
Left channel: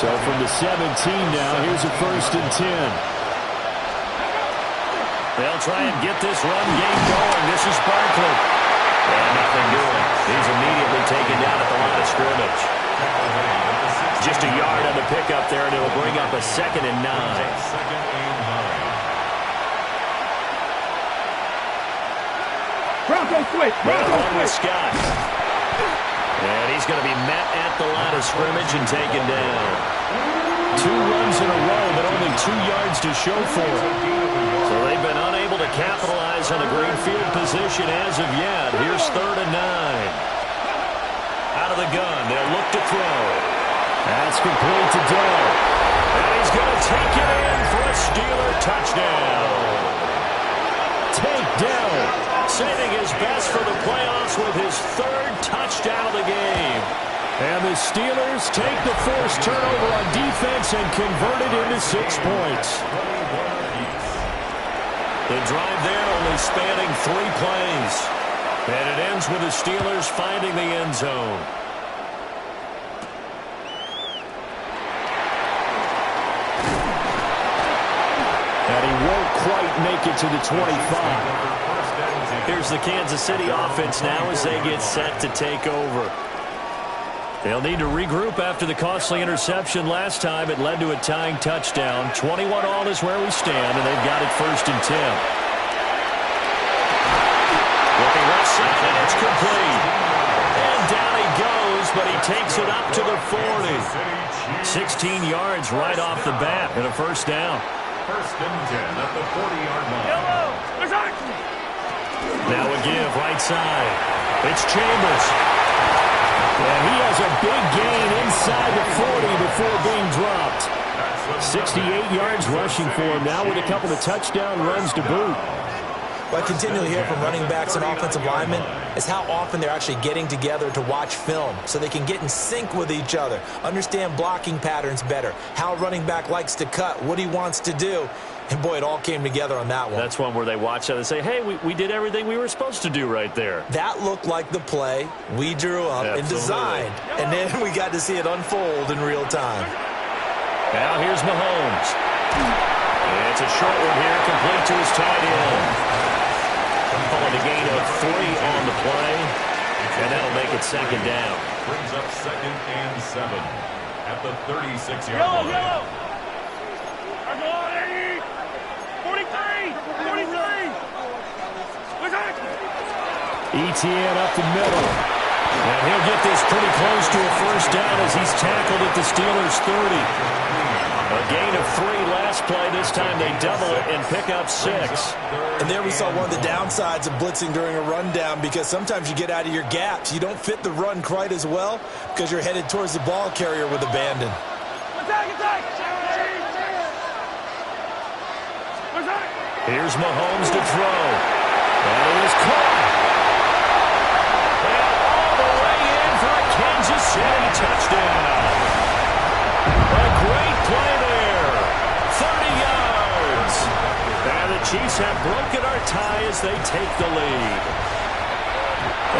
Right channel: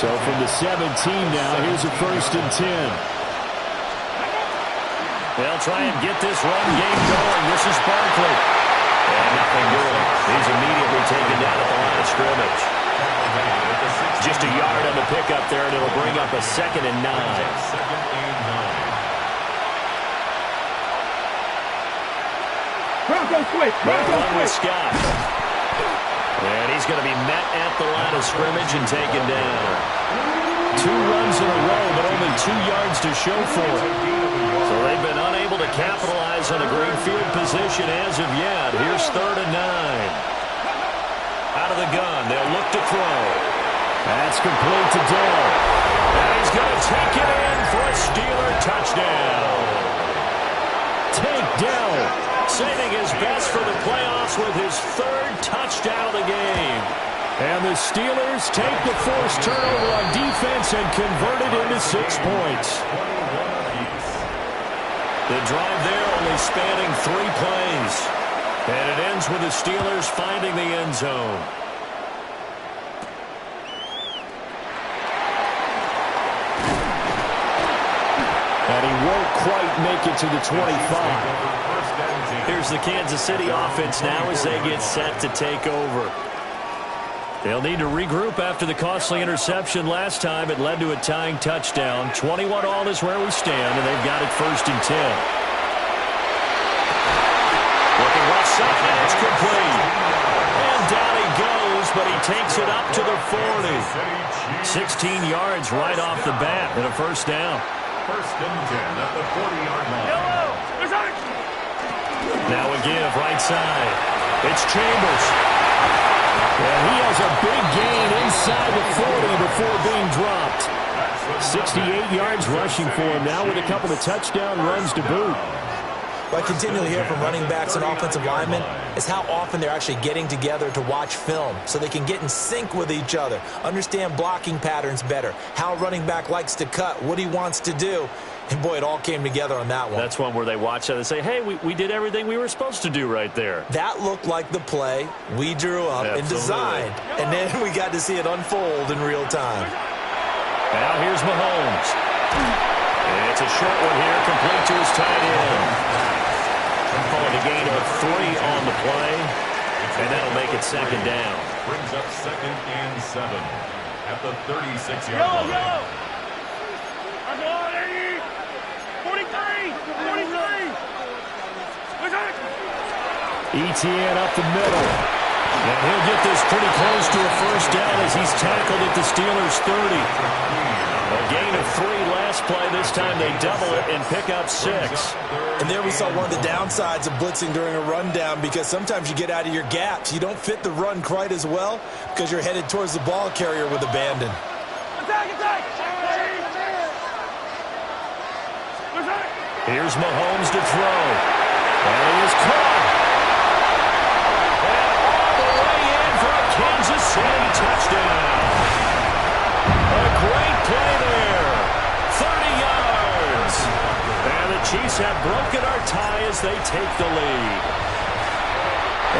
So from the 17 now, here's a 1st and 10. They'll try and get this run game going. This is Barkley. And nothing doing. He's immediately taken down at the line of scrimmage. Just a yard on the pickup there, and it'll bring up a 2nd and 9. Bronco switch. Bronco switch. Scott. And he's going to be met at the line of scrimmage and taken down. 2 runs in a row, but only 2 yards to show for it. So they've been unable to capitalize on the green field position as of yet. Here's 3rd and 9. Out of the gun, they'll look to throw. That's complete to Dell. And he's going to take it in for a Steeler touchdown. Take Dell, saving his best for the playoffs with his 3rd touchdown of the game. And the Steelers take the forced turnover on defense and convert it into 6 points. The drive there only spanning 3 plays. And it ends with the Steelers finding the end zone. And he won't quite make it to the 25. Here's the Kansas City offense now as they get set to take over. They'll need to regroup after the costly interception last time. It led to a tying touchdown. 21-all is where we stand, and they've got it 1st and 10. Looking left side, and it's complete. And down he goes, but he takes it up to the 40. 16 yards right off the bat and a 1st down. 1st and 10 at the 40-yard line. Now a give right side. It's Chambers. And he has a big gain inside the 40 before being dropped. 68 yards rushing for him now with a couple of touchdown runs to boot. What I continually hear from running backs and offensive linemen is how often they're actually getting together to watch film so they can get in sync with each other, understand blocking patterns better, how a running back likes to cut, what he wants to do. And, boy, it all came together on that one. That's one where they watch that and say, hey, we did everything we were supposed to do right there. That looked like the play we drew up and designed. And then we got to see it unfold in real time. Now here's Mahomes. It's a short one here, complete to his tight end. Calling a gain of 3 on the play, and that'll make it 2nd down. Brings up 2nd and 7 at the 36-yard line. Yellow. 43. 43. Etienne up the middle. And he'll get this pretty close to a 1st down as he's tackled at the Steelers' 30. A gain of 3 last play. This time they double it and pick up 6. And there we saw one of the downsides of blitzing during a rundown, because sometimes you get out of your gaps. You don't fit the run quite as well because you're headed towards the ball carrier with abandon. Attack. Here's Mahomes to throw. And he is caught. And all the way in for a Kansas City touchdown. A great play there. 30 yards. And the Chiefs have broken our tie as they take the lead.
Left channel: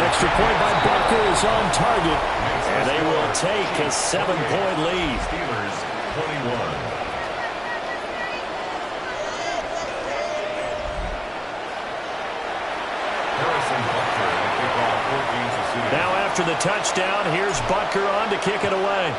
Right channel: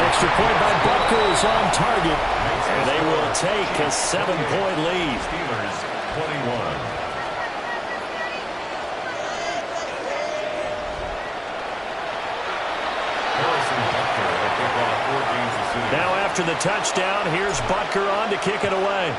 Extra point by Butker is on target, and they will take a 7-point lead. Steelers 21. Now after the touchdown, here's Butker on to kick it away.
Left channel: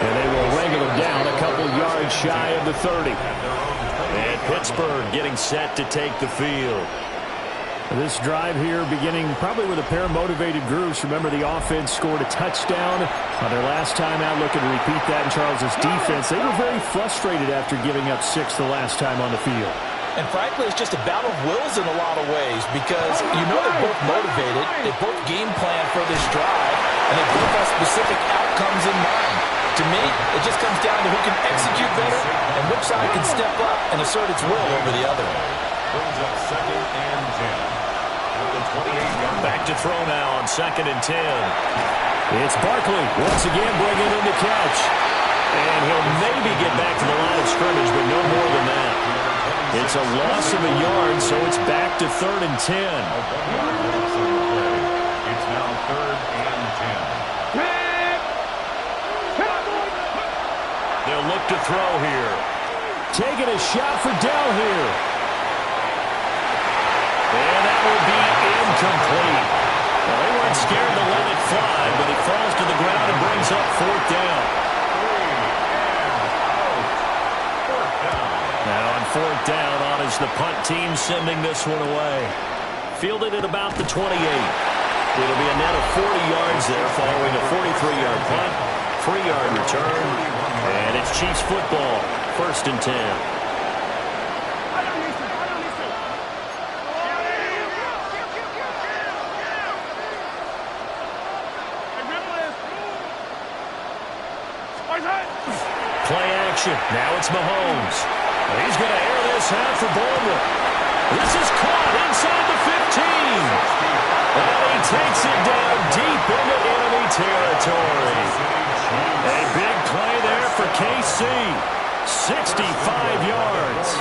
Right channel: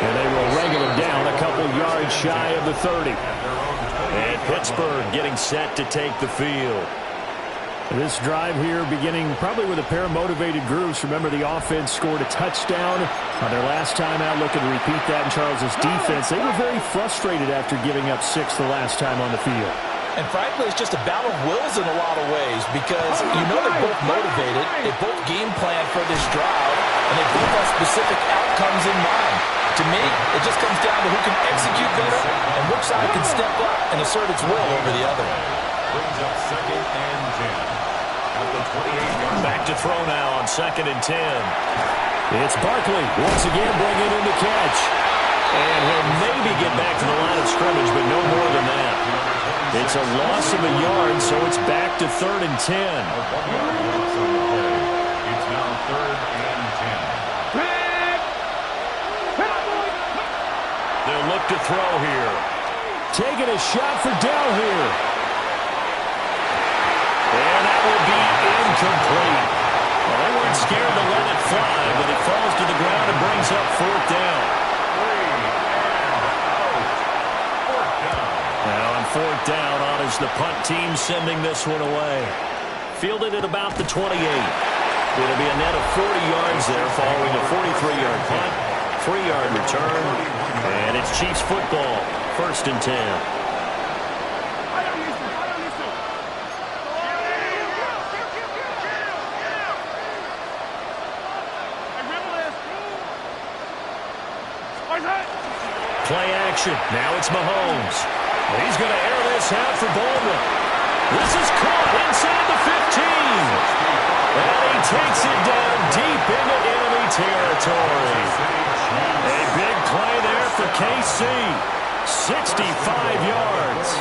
And they will wrangle him down a couple yards shy of the 30. And Pittsburgh getting set to take the field. This drive here beginning probably with a pair of motivated groups. Remember, the offense scored a touchdown on their last time out, looking to repeat that in Charles's defense. They were very frustrated after giving up 6 the last time on the field. And frankly, it's just a battle of wills in a lot of ways because you know they're both motivated, they both game plan for this drive, and they both have specific outcomes in mind. To me, it just comes down to who can execute better and which side can step up and assert its will over the other. Brings up 2nd and 10. At the 28-yard. Back to throw now on 2nd and 10. It's Barkley once again bringing in the catch. And he'll maybe get back to the line of scrimmage, but no more than that. It's a loss of a yard, so it's back to 3rd and 10. A 1-yard loss on the play. It's now 3rd and 10. They'll look to throw here. Taking a shot for Dell here. And that will be incomplete. Well, they weren't scared to let it fly, but it falls to the ground and brings up 4th down. 3 and out. 4th down. Now on 4th down, on is the punt team sending this one away. Fielded at about the 28. It'll be a net of 40 yards there following a 43-yard punt, 3-yard return, and it's Chiefs football, 1st and 10. Play action. Now it's Mahomes. He's going to air this out for Baldwin. This is caught inside the 15. And he takes it down deep into enemy territory. A big play there for KC. 65 yards.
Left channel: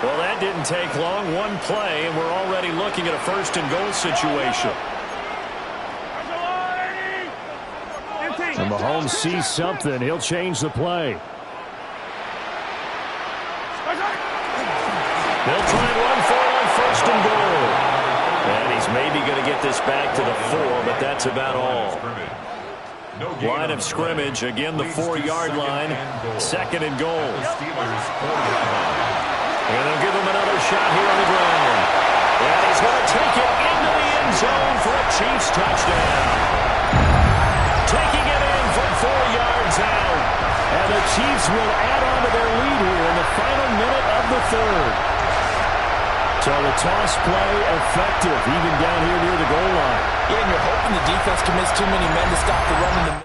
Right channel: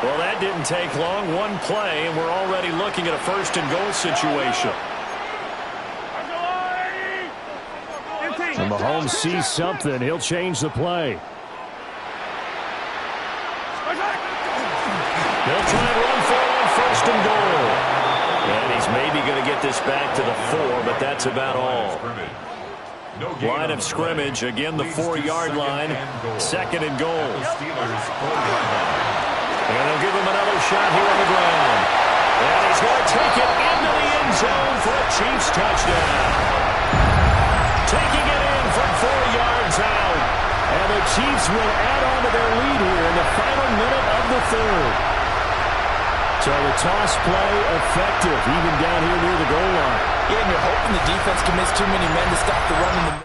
Well, that didn't take long. One play, and we're already looking at a 1st and goal situation. And Mahomes sees something. He'll change the play. They'll try and run for it on 1st and goal. And he's maybe going to get this back to the 4, but that's about all. Line of scrimmage, again the 4-yard line. 2nd and goal. And they'll give him another shot here on the ground. And he's going to take it into the end zone for a Chiefs touchdown. Taking it in from 4 yards out. And the Chiefs will add on to their lead here in the final minute of the 3rd. So the toss play effective, even down here near the goal line. Yeah, and you're hoping the defense commits too many men to stop the run in the middle.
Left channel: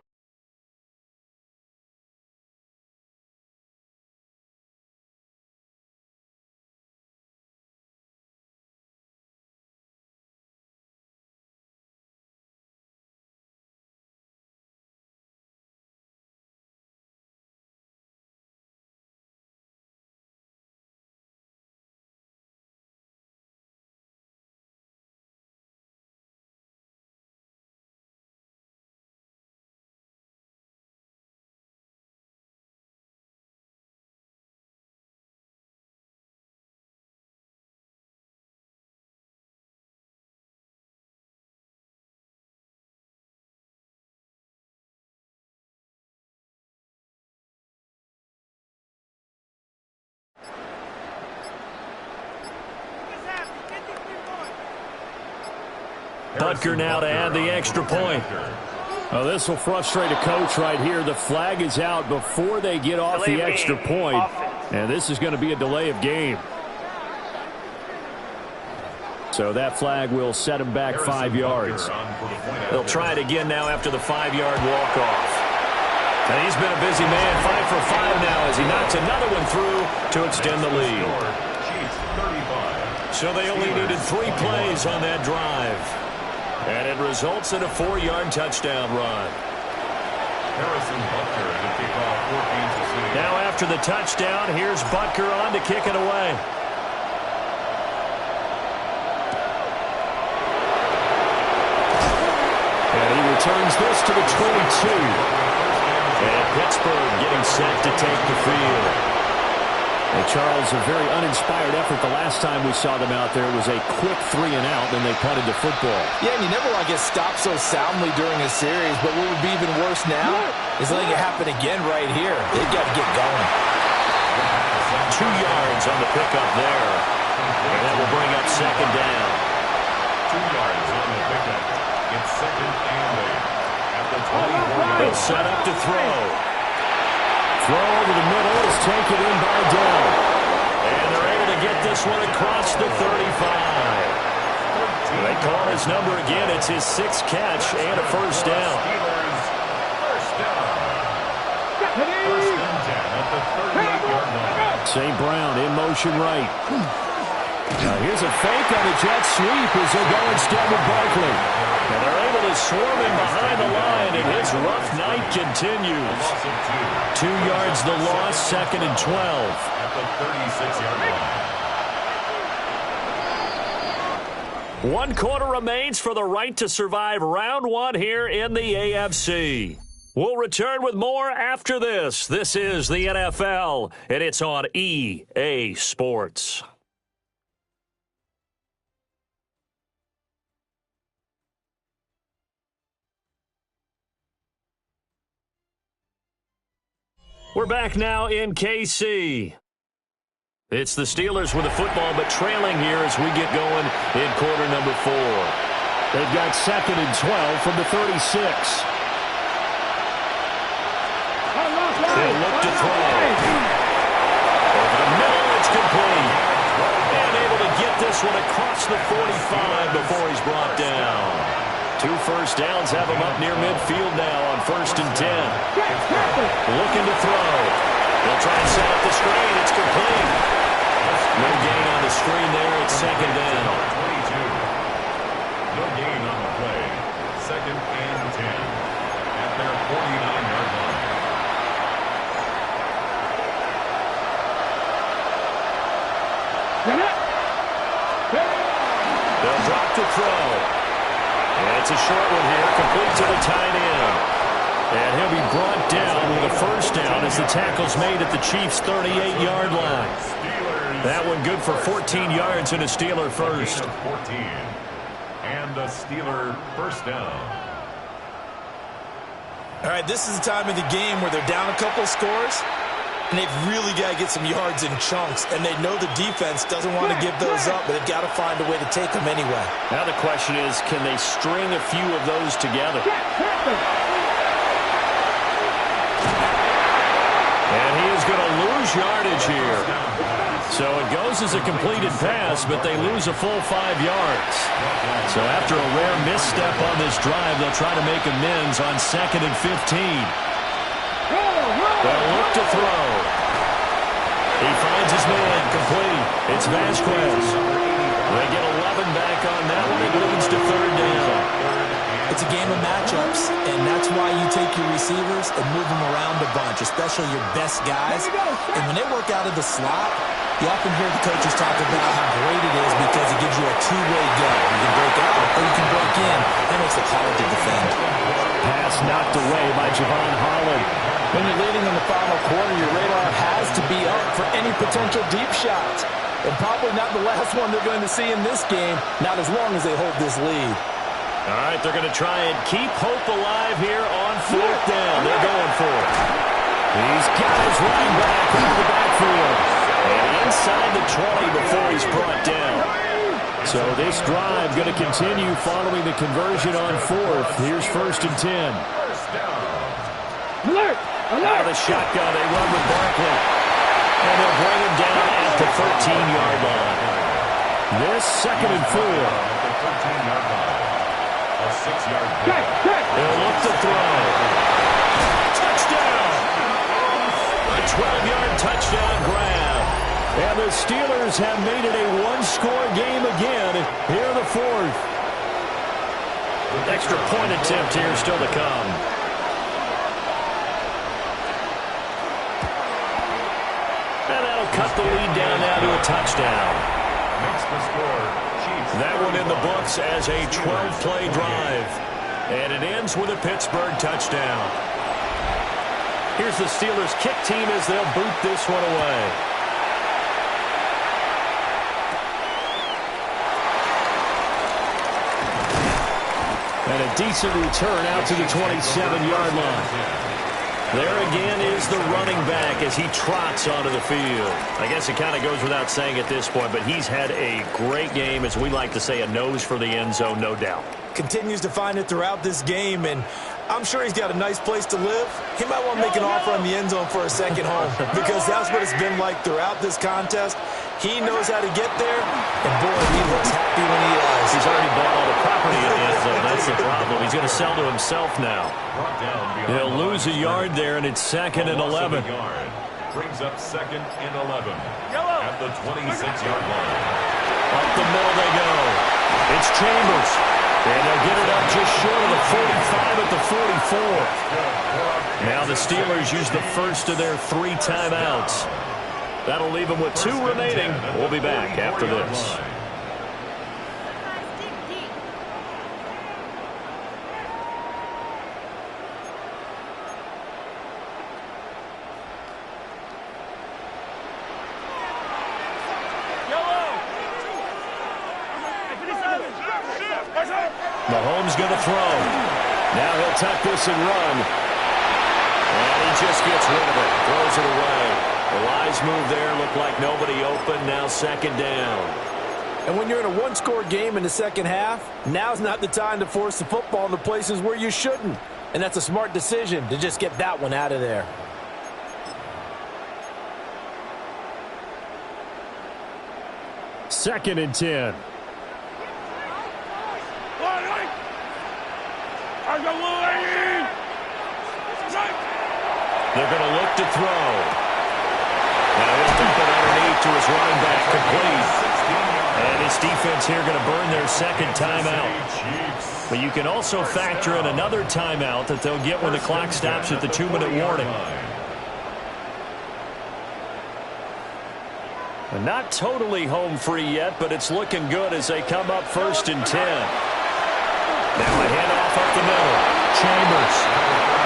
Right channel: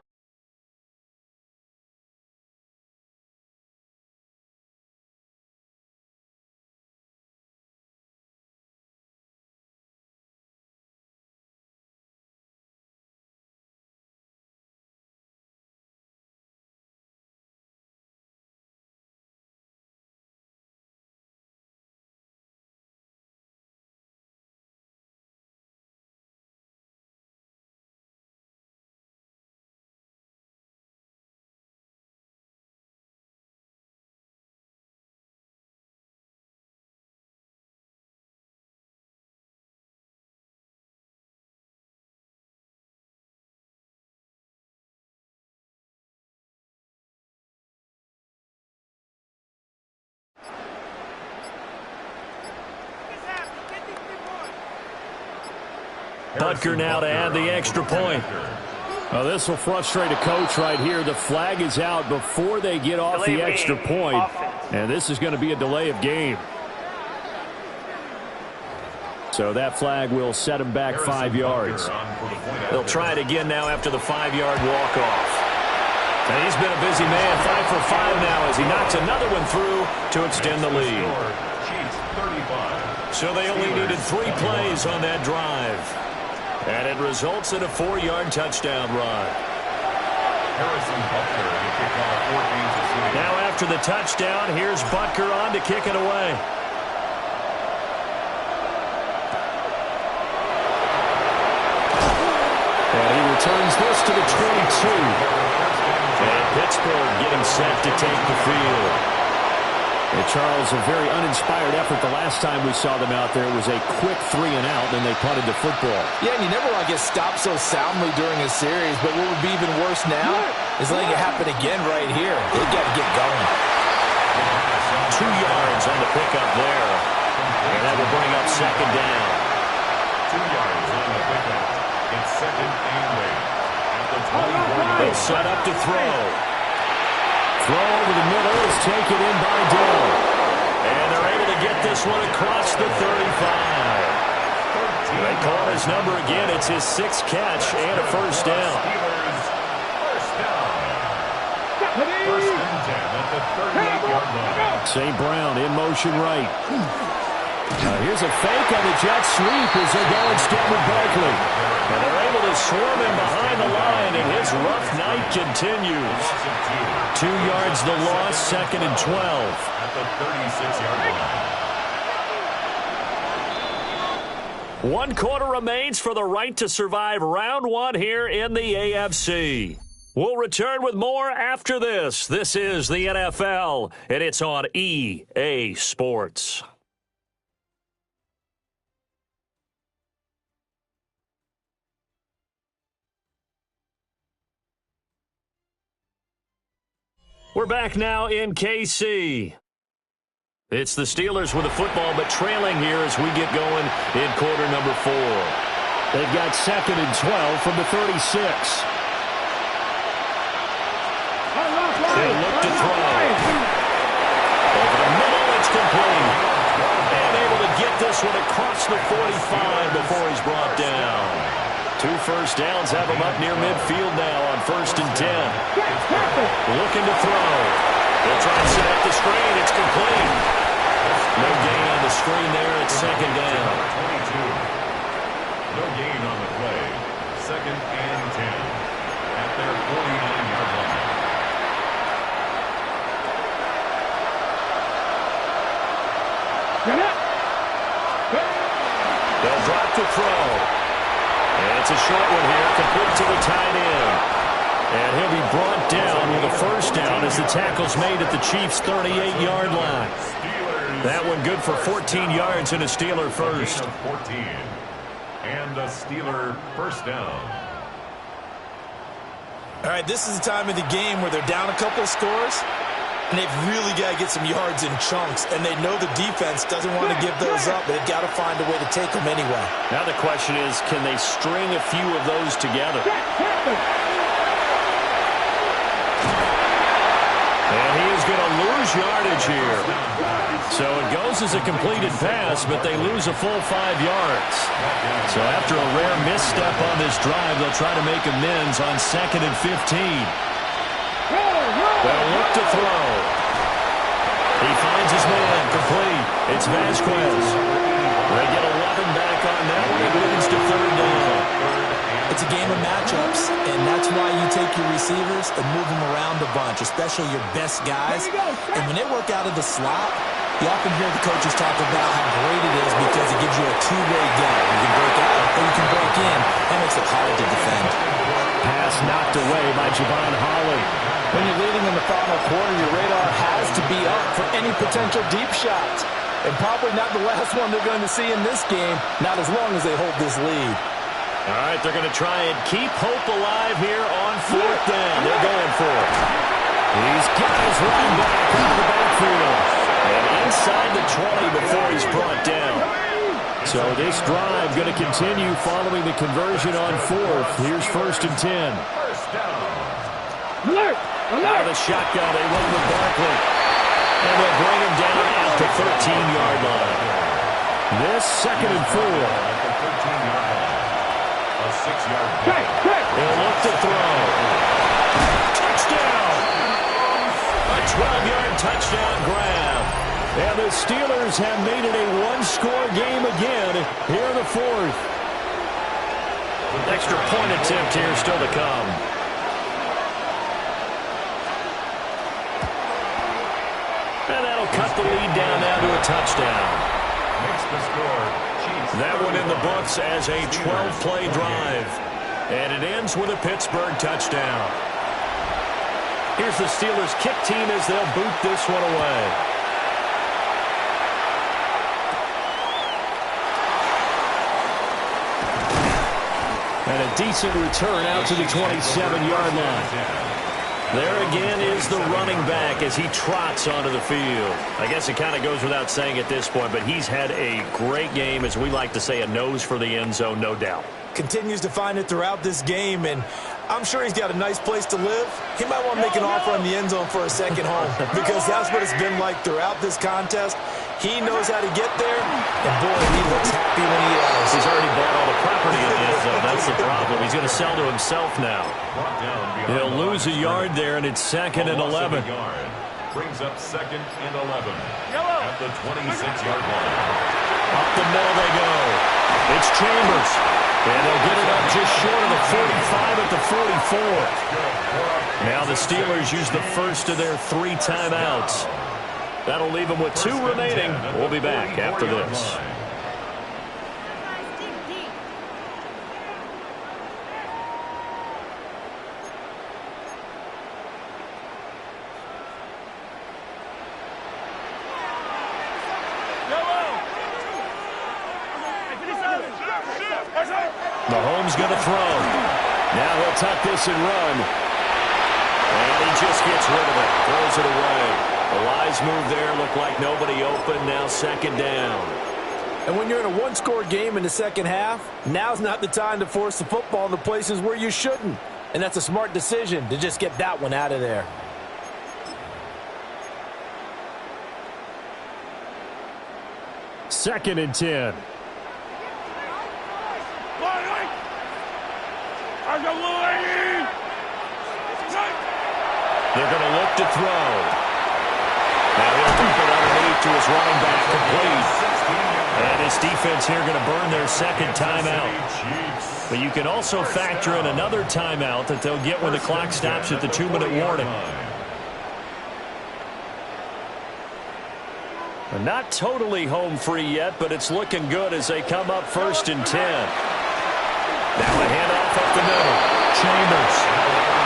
Butker now to add the extra point. Well, this will frustrate a coach right here. The flag is out before they get off the extra point. And this is going to be a delay of game. So that flag will set him back 5 yards. They'll try it again now after the 5-yard walk-off. And he's been a busy man, 5 for 5 now as he knocks another one through to extend the lead. So they only needed 3 plays on that drive. And it results in a 4-yard touchdown run. Harrison Butker to kick off for Kansas City. Now after the touchdown, here's Butker on to kick it away. And he returns this to the 22. And Pittsburgh getting set to take the field. And Charles, a very uninspired effort the last time we saw them out there. It was a quick 3-and-out, and they punted the football. Yeah, and you never want to get stopped so soundly during a series, but what would be even worse now is letting it happen again right here. They've got to get going. 2 yards on the pickup there. And that will bring up second down. 2 yards on the pickup. It's second and 8. At the 24. They'll set up to throw. Throw over the middle is taken in by Dell. And they're able to get this one across the 35. They call his number again. It's his 6th catch and a first down. First down. First and 10 at the 38-yard line. St. Brown in motion right. Here's a fake on the jet sweep as they go instead with Barkley. And they're able to swarm him behind the line, and his rough night continues. 2 yards the loss, second and 12. At the 36-yard line. 1 quarter remains for the right to survive round 1 here in the AFC. We'll return with more after this. This is the NFL, and it's on EA Sports. We're back now in KC. It's the Steelers with the football, but trailing here as we get going in quarter number 4. They've got second and 12 from the 36. They'll look to throw. Over the middle, it's complete. And able to get this one across the 45 before he's brought down. 2 first downs have him up near midfield now on first and 10. Looking to throw. They'll try and set up the screen. It's complete. No gain on the screen there. It's second down. Number 22. No gain on the play. Second and 10 at their 49-yard line. They'll drop to throw. And it's a short one here, complete to the tight end. And he'll be brought down with a first down as the tackle's made at the Chiefs' 38-yard line. That one good for 14 yards and a Steeler first. 14 and a Steeler first down. All right, this is the time of the game where they're down a couple of scores, and they've really got to get some yards in chunks, and they know the defense doesn't want to give those up, but they've got to find a way to take them anyway. Now the question is, can they string a few of those together? And he is going to lose yardage here. So it goes as a completed pass, but they lose a full 5 yards. So after a rare misstep on this drive, they'll try to make amends on second and 15. They'll look to throw. He finds his man, complete. It's Vasquez. They get 11 back on that one. It leads to third down. It's a game of matchups, and that's why you take your receivers and move them around a bunch, especially your best guys. And when they work out of the slot, you often hear the coaches talk about how great it is because it gives you a two-way go. You can break out or you can break in. That makes it hard to defend. Pass knocked away by Javon Holland. When you're leading in the final quarter, your radar has to be up for any potential deep shots. And probably not the last one they're going to see in this game, not as long as they hold this lead. All right, they're going to try and keep hope alive here on fourth down. They're going for it. He's got his running back out of the backfield. And inside the 20 before he's brought down. So this drive going to continue following the conversion on fourth. Here's first and 10. Alert! Out of the shotgun, they run with Barkley. And they'll bring him down at the 13-yard line. This second and 4. At the 13-yard line. A 6-yard pickup. They'll look to throw. Touchdown! A 12-yard touchdown grab. And the Steelers have made it a one-score game again here in the fourth. Extra point attempt here still to come. And that'll cut the lead down now to a touchdown. Makes the score. Chiefs. That one in the books as a 12-play drive. And it ends with a Pittsburgh touchdown. Here's the Steelers' kick team as they'll boot this one away. And a decent return out to the 27-yard line. There again is the running back as he trots onto the field. I guess it kind of goes without saying at this point, but he's had a great game, as we like to say, a nose for the end zone, no doubt. Continues to find it throughout this game, and I'm sure he's got a nice place to live. He might want to make an offer on the end zone for a second home because that's what it's been like throughout this contest. He knows how to get there, and boy, he looks happy when he does. He's already bought all the property in the end zone. That's the problem. He's going to sell to himself now. He'll lose a yard there, and it's 2nd and 11. Brings up 2nd and 11 at the 26-yard line. Up the middle they go. It's Chambers. And they'll get it up just short of the 45 at the 44. Now the Steelers use the first of their 3 timeouts. That'll leave them with 2 remaining. We'll be back after this. Mahomes going to throw. Now he'll tuck this and run. And he just gets rid of it. Throws it away. A wise move there. Looked like nobody open. Now 2nd down. And when you're in a one-score game in the second half, now's not the time to force the football in the places where you shouldn't. And that's a smart decision to just get that one out of there. Second and 10. They're going to look to throw. Now he'll dump it underneath to his running back, complete. And his defense here going to burn their 2nd timeout. But you can also factor in another timeout that they'll get when the clock stops at the 2-minute warning. Not totally home free yet, but it's looking good as they come up 1st and 10. Now a handoff up the middle. Chambers.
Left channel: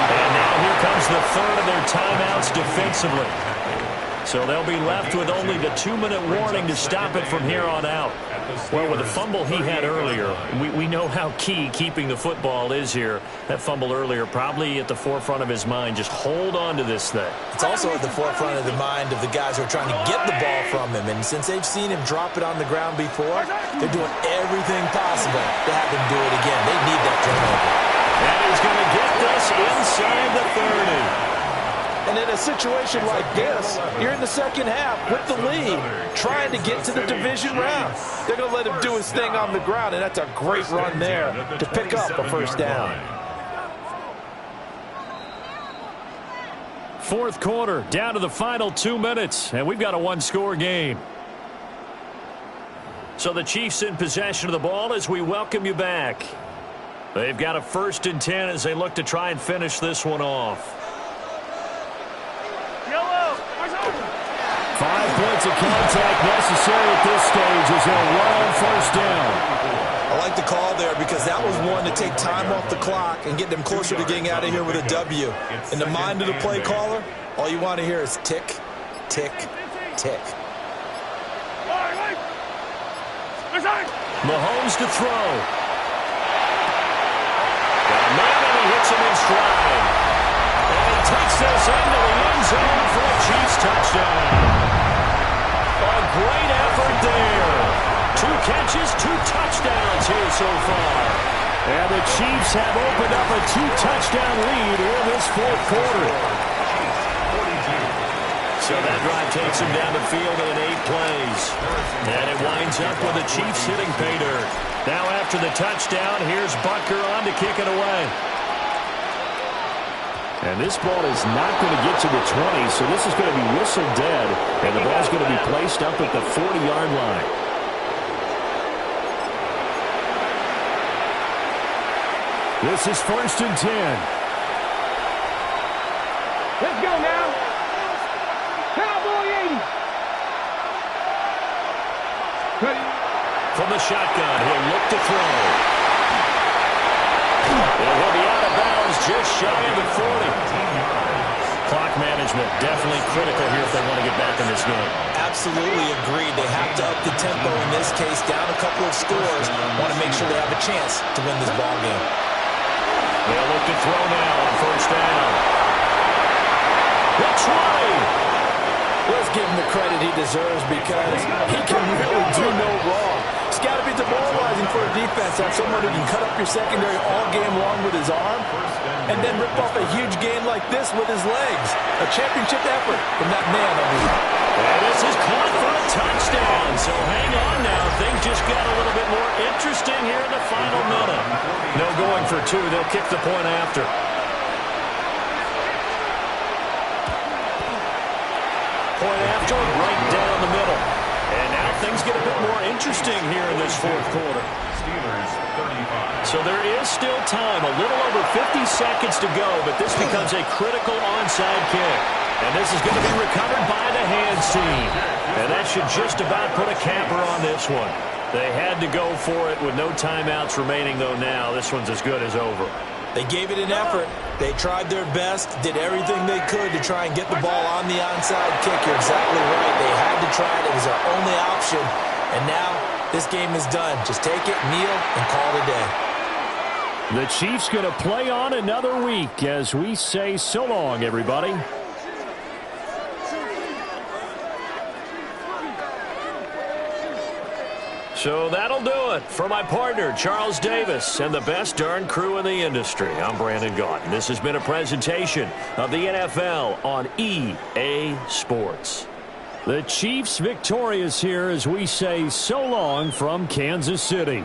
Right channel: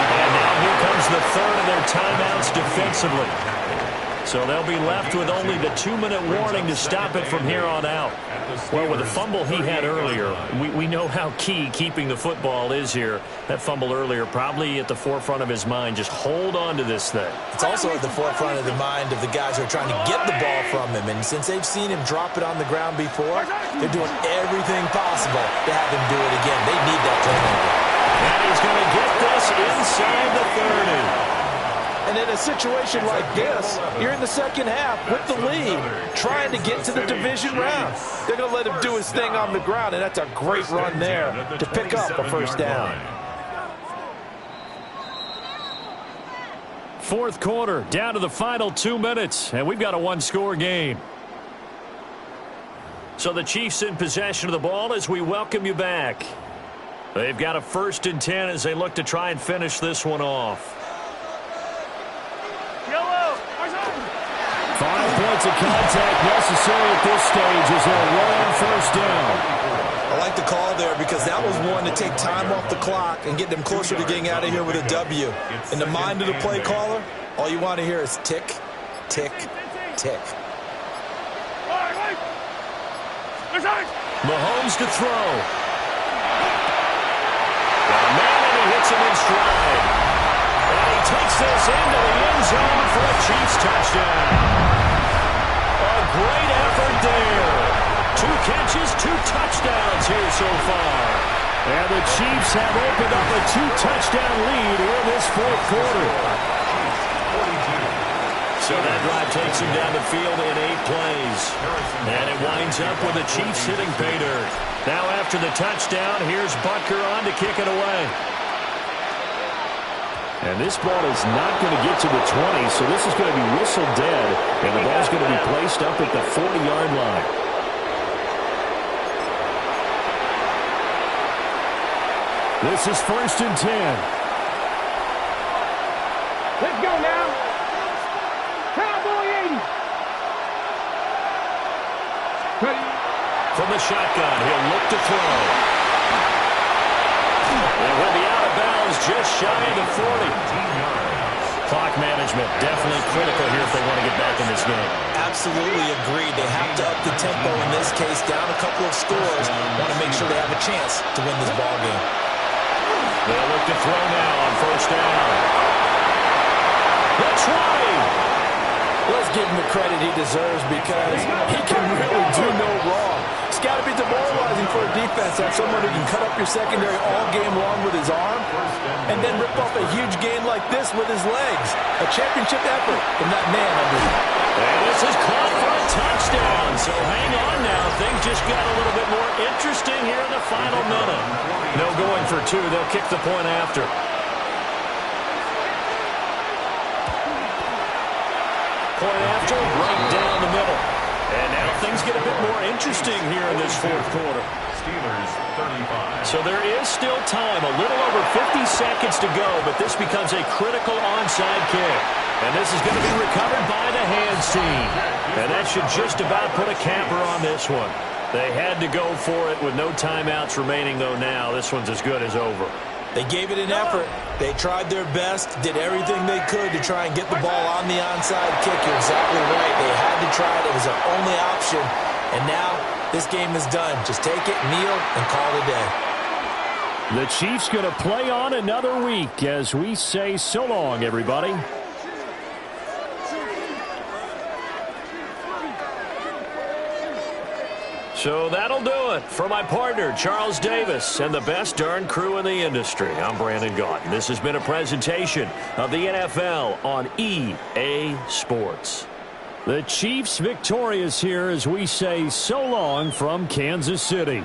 And now here comes the 3rd of their timeouts defensively. So they'll be left with only the 2-minute warning to stop it from here on out. Well, with the fumble he had earlier, we know how key keeping the football is here. That fumble earlier probably at the forefront of his mind. Just hold on to this thing. It's also at the forefront of the mind of the guys who are trying to get the ball from him. And since they've seen him drop it on the ground before, they're doing everything possible to have him do it again. They need that turnover. And he's going to get this inside the 30. And in a situation like this, you're in the second half with the lead, trying to get to the division round. They're going to let him do his thing on the ground, and that's a great run there to pick up a 1st down. 4th quarter, down to the final 2 minutes, and we've got a 1-score game. So the Chiefs in possession of the ball as we welcome you back. They've got a 1st and 10 as they look to try and finish this one off. 5 points of contact necessary at this stage as they'll run on 1st down. I like the call there because that was one to take time off the clock and get them closer to getting out of here with a W. In the mind of the play caller, all you want to hear is tick, tick, tick. Mahomes to throw. Got a man and he hits him in stride. And he takes this into the end zone for a Chiefs touchdown. A great effort there. 2 catches, 2 touchdowns here so far. And the Chiefs have opened up a 2-touchdown lead here in this 4th quarter. So that drive takes him down the field in 8 plays. And it winds up with the Chiefs hitting pay dirt. Now after the touchdown, here's Butker on to kick it away. And this ball is not going to get to the 20, so this is going to be whistled dead, and the ball's going to be placed up at the 40-yard line. This is 1st and 10. Let's go now. Cowboy 80. Ready. From the shotgun, he'll look to throw. And he'll be out of bounds just shy of the 40. Clock management definitely critical here if they want to get back in this game. Absolutely agreed. They have to up the tempo in this case, down a couple of scores. Want to make sure they have a chance to win this ball game. They'll look to throw now on 1st down. The 20. Let's give him the credit he deserves because he can really do no wrong. It's got to be demoralizing for a defense to have someone who can cut up your secondary all game long with his arm and then rip off a huge gain like this with his legs. A championship effort from that man under. And this is caught for a touchdown. So hang on now. Things just got a little bit more interesting here in the final minute. No going for two. They'll kick the point after. Point after, right down the middle. And now things get a bit more interesting here in this 4th quarter. Steelers 35. So there is still time, a little over 50 seconds to go, but this becomes a critical onside kick. And this is going to be recovered by the hands team. And that should just about put a capper on this one. They had to go for it with no timeouts remaining, though now this one's as good as over. They gave it an effort. They tried their best, did everything they could to try and get the ball on the onside kick. You're exactly right. They had to try it. It was their only option. And now this game is done. Just take it, kneel, and call it a day. The Chiefs going to play on another week as we say so long, everybody. So that'll do it for my partner, Charles Davis, and the best darn crew in the industry. I'm Brandon Gaudin. This has been a presentation of the NFL on EA Sports. The Chiefs victorious here as we say so long from Kansas City.